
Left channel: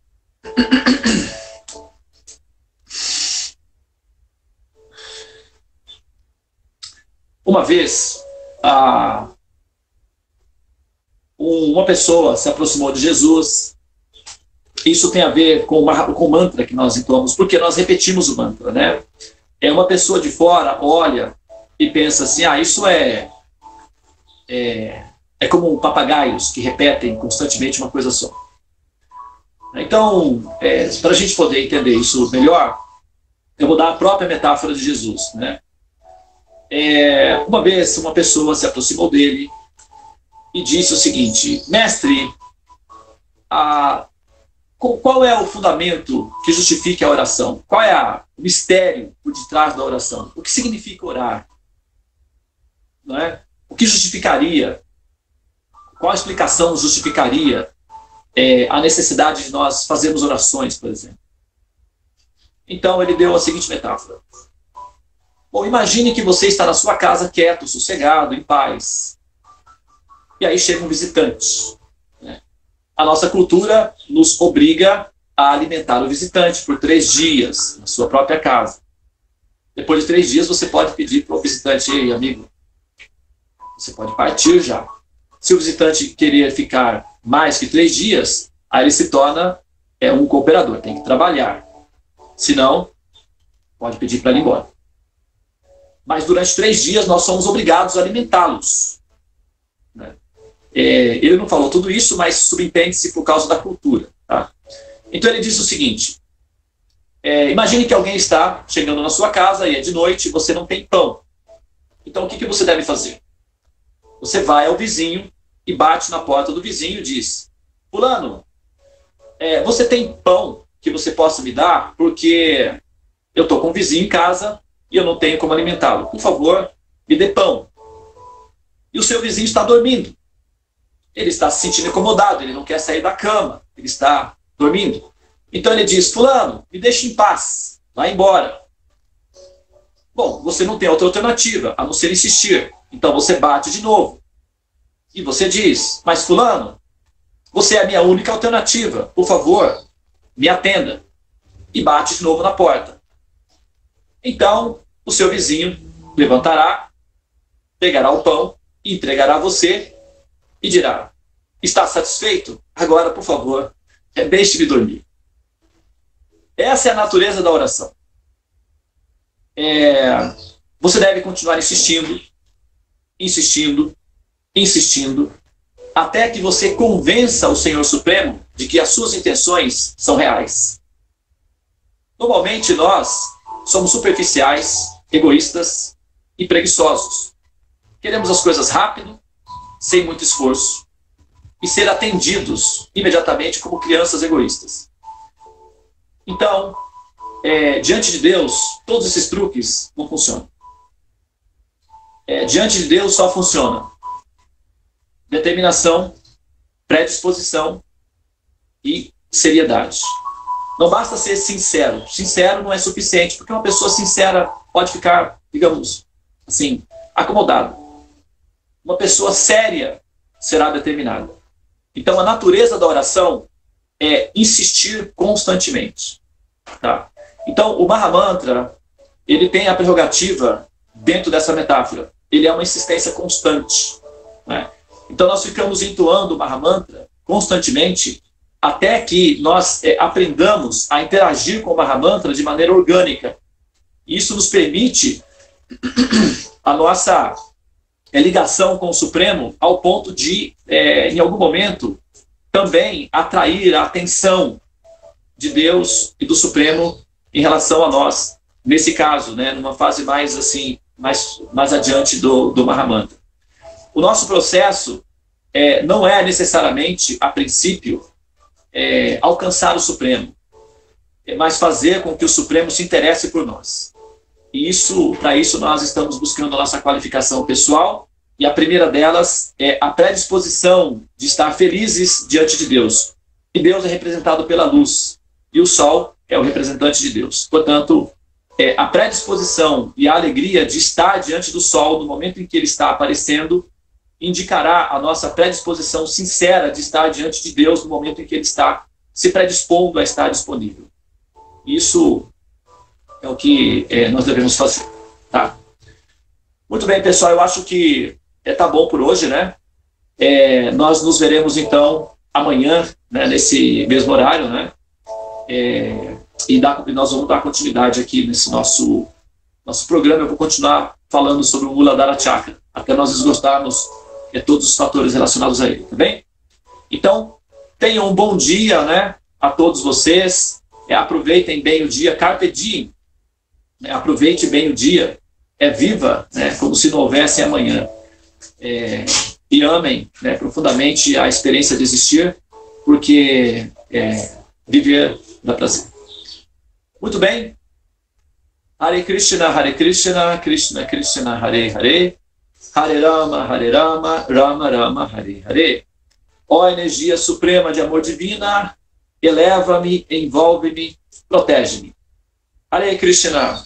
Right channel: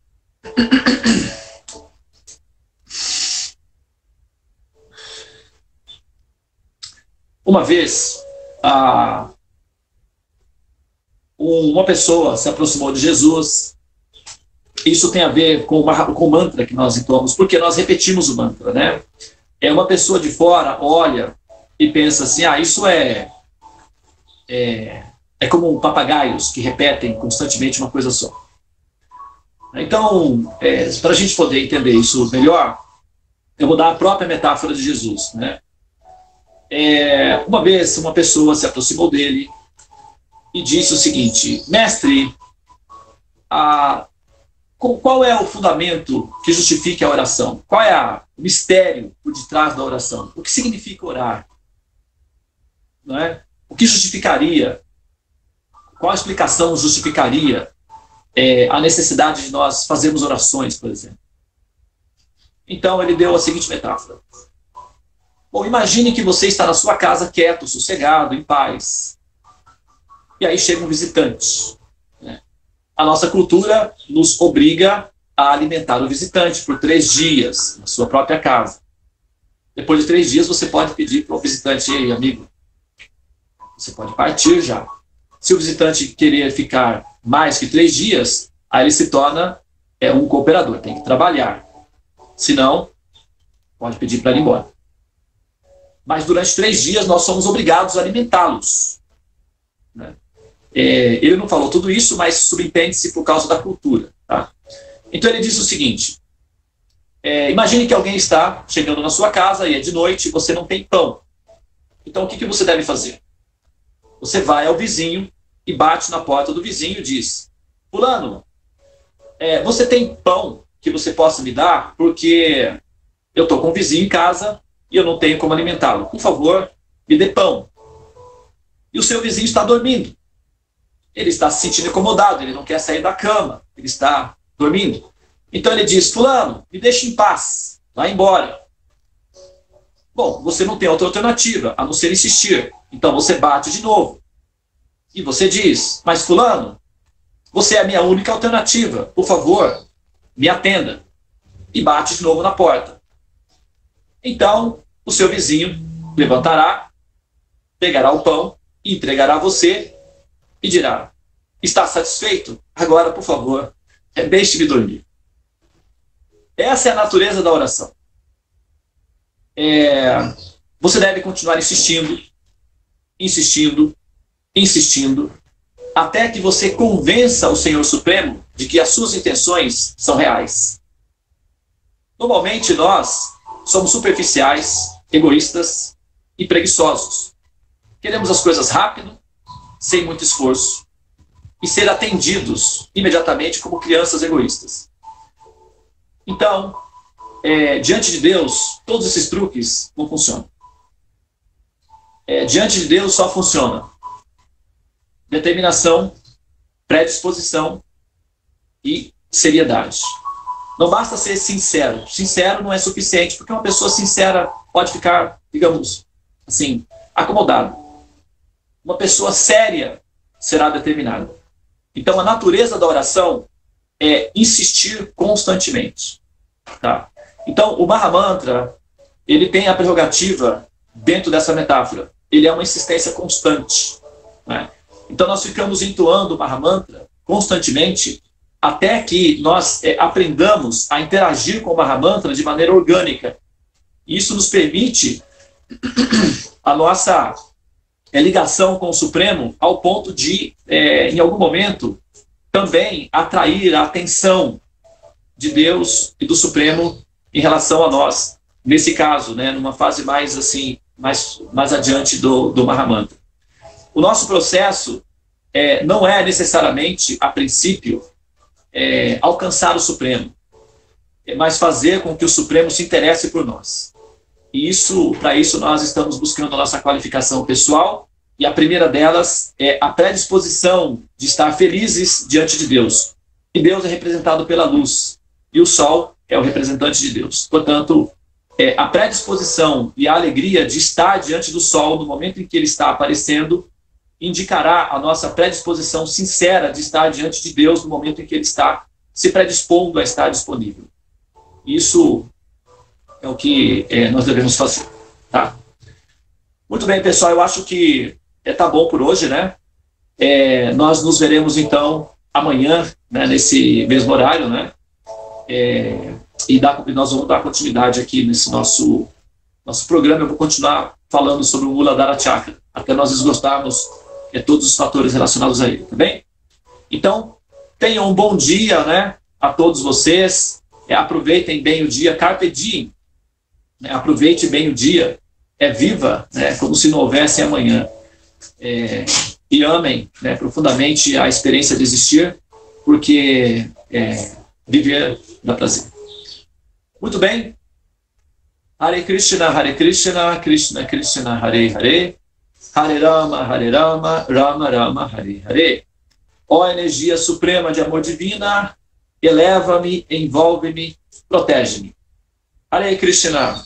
uma pessoa se aproximou de Jesus. Isso tem a ver com o mantra que nós entoamos, porque nós repetimos o mantra, né? Uma pessoa de fora olha e pensa assim, isso é como papagaios que repetem constantemente uma coisa só. Então, para a gente poder entender isso melhor, eu vou dar a própria metáfora de Jesus, né? Uma vez uma pessoa se aproximou dele e disse o seguinte: mestre, qual é o fundamento que justifique a oração? Qual é o mistério por detrás da oração? O que significa orar? Não é? O que justificaria? Qual a explicação justificaria a necessidade de nós fazermos orações, por exemplo? Então ele deu a seguinte metáfora. Bom, imagine que você está na sua casa quieto, sossegado, em paz. E aí chega um visitante, né? A nossa cultura nos obriga a alimentar o visitante por 3 dias, na sua própria casa. Depois de 3 dias, você pode pedir para o visitante: ei, amigo, você pode partir já. Se o visitante querer ficar mais que 3 dias, aí ele se torna um cooperador, tem que trabalhar. Se não, pode pedir para ele ir embora. Mas durante 3 dias nós somos obrigados a alimentá-los, né? Ele não falou tudo isso, mas subentende-se por causa da cultura, tá? Então ele disse o seguinte: imagine que alguém está chegando na sua casa e é de noite e você não tem pão. Então o que você deve fazer? Você vai ao vizinho e bate na porta do vizinho e diz: fulano, você tem pão que você possa me dar? Porque eu estou com um vizinho em casa e eu não tenho como alimentá-lo. Por favor, me dê pão. E o seu vizinho está dormindo. Ele está se sentindo incomodado, ele não quer sair da cama, ele está dormindo. Então ele diz: fulano, me deixe em paz, vá embora. Bom, você não tem outra alternativa, a não ser insistir. Então você bate de novo. E você diz: mas fulano, você é a minha única alternativa, por favor, me atenda. E bate de novo na porta. Então, o seu vizinho levantará, pegará o pão, entregará a você e dirá: está satisfeito? Agora, por favor, deixe-me dormir. Essa é a natureza da oração. Você deve continuar insistindo, insistindo, insistindo, até que você convença o Senhor Supremo de que as suas intenções são reais. Normalmente nós somos superficiais, egoístas e preguiçosos. Queremos as coisas rápido, sem muito esforço. e ser atendidos imediatamente como crianças egoístas. Então, diante de Deus, todos esses truques não funcionam. Diante de Deus só funciona determinação, predisposição e seriedade. Não basta ser sincero. Sincero não é suficiente, porque uma pessoa sincera pode ficar, digamos assim, acomodada. Uma pessoa séria será determinada. Então, a natureza da oração é insistir constantemente. Tá? Então, o Mahamantra, ele tem a prerrogativa, dentro dessa metáfora, ele é uma insistência constante. Né? Então, nós ficamos entoando o Mahamantra constantemente até que nós aprendamos a interagir com o Mahamantra de maneira orgânica. Isso nos permite a nossa ligação com o Supremo ao ponto de, em algum momento, também atrair a atenção de Deus e do Supremo em relação a nós, nesse caso, né, numa fase mais assim, mais adiante do Mahamantra. O nosso processo não é necessariamente, a princípio, alcançar o Supremo, mas fazer com que o Supremo se interesse por nós. E para isso nós estamos buscando a nossa qualificação pessoal, e a primeira delas é a predisposição de estar felizes diante de Deus. E Deus é representado pela luz, e o sol é o representante de Deus. Portanto, a predisposição e a alegria de estar diante do sol no momento em que ele está aparecendo indicará a nossa predisposição sincera de estar diante de Deus no momento em que ele está se predispondo a estar disponível. Isso é o que nós devemos fazer. Tá? Muito bem, pessoal, eu acho que tá bom por hoje, né? Nós nos veremos, então, amanhã, né, nesse mesmo horário, né? E nós vamos dar continuidade aqui nesse nosso programa. Eu vou continuar falando sobre o Muladhara Chakra, até nós esgotarmos todos os fatores relacionados a ele, tá bem? Então, tenham um bom dia, né, a todos vocês. Aproveitem bem o dia, carpe diem, né, aproveite bem o dia, viva, né, como se não houvesse amanhã. E amem, né, profundamente a experiência de existir, porque viver dá prazer. Muito bem. Hare Krishna, Krishna Krishna, Hare Hare, Hare Rama, Rama Rama, Hare Hare. Ó energia suprema de amor divina, eleva-me, envolve-me, protege-me. Hare Krishna.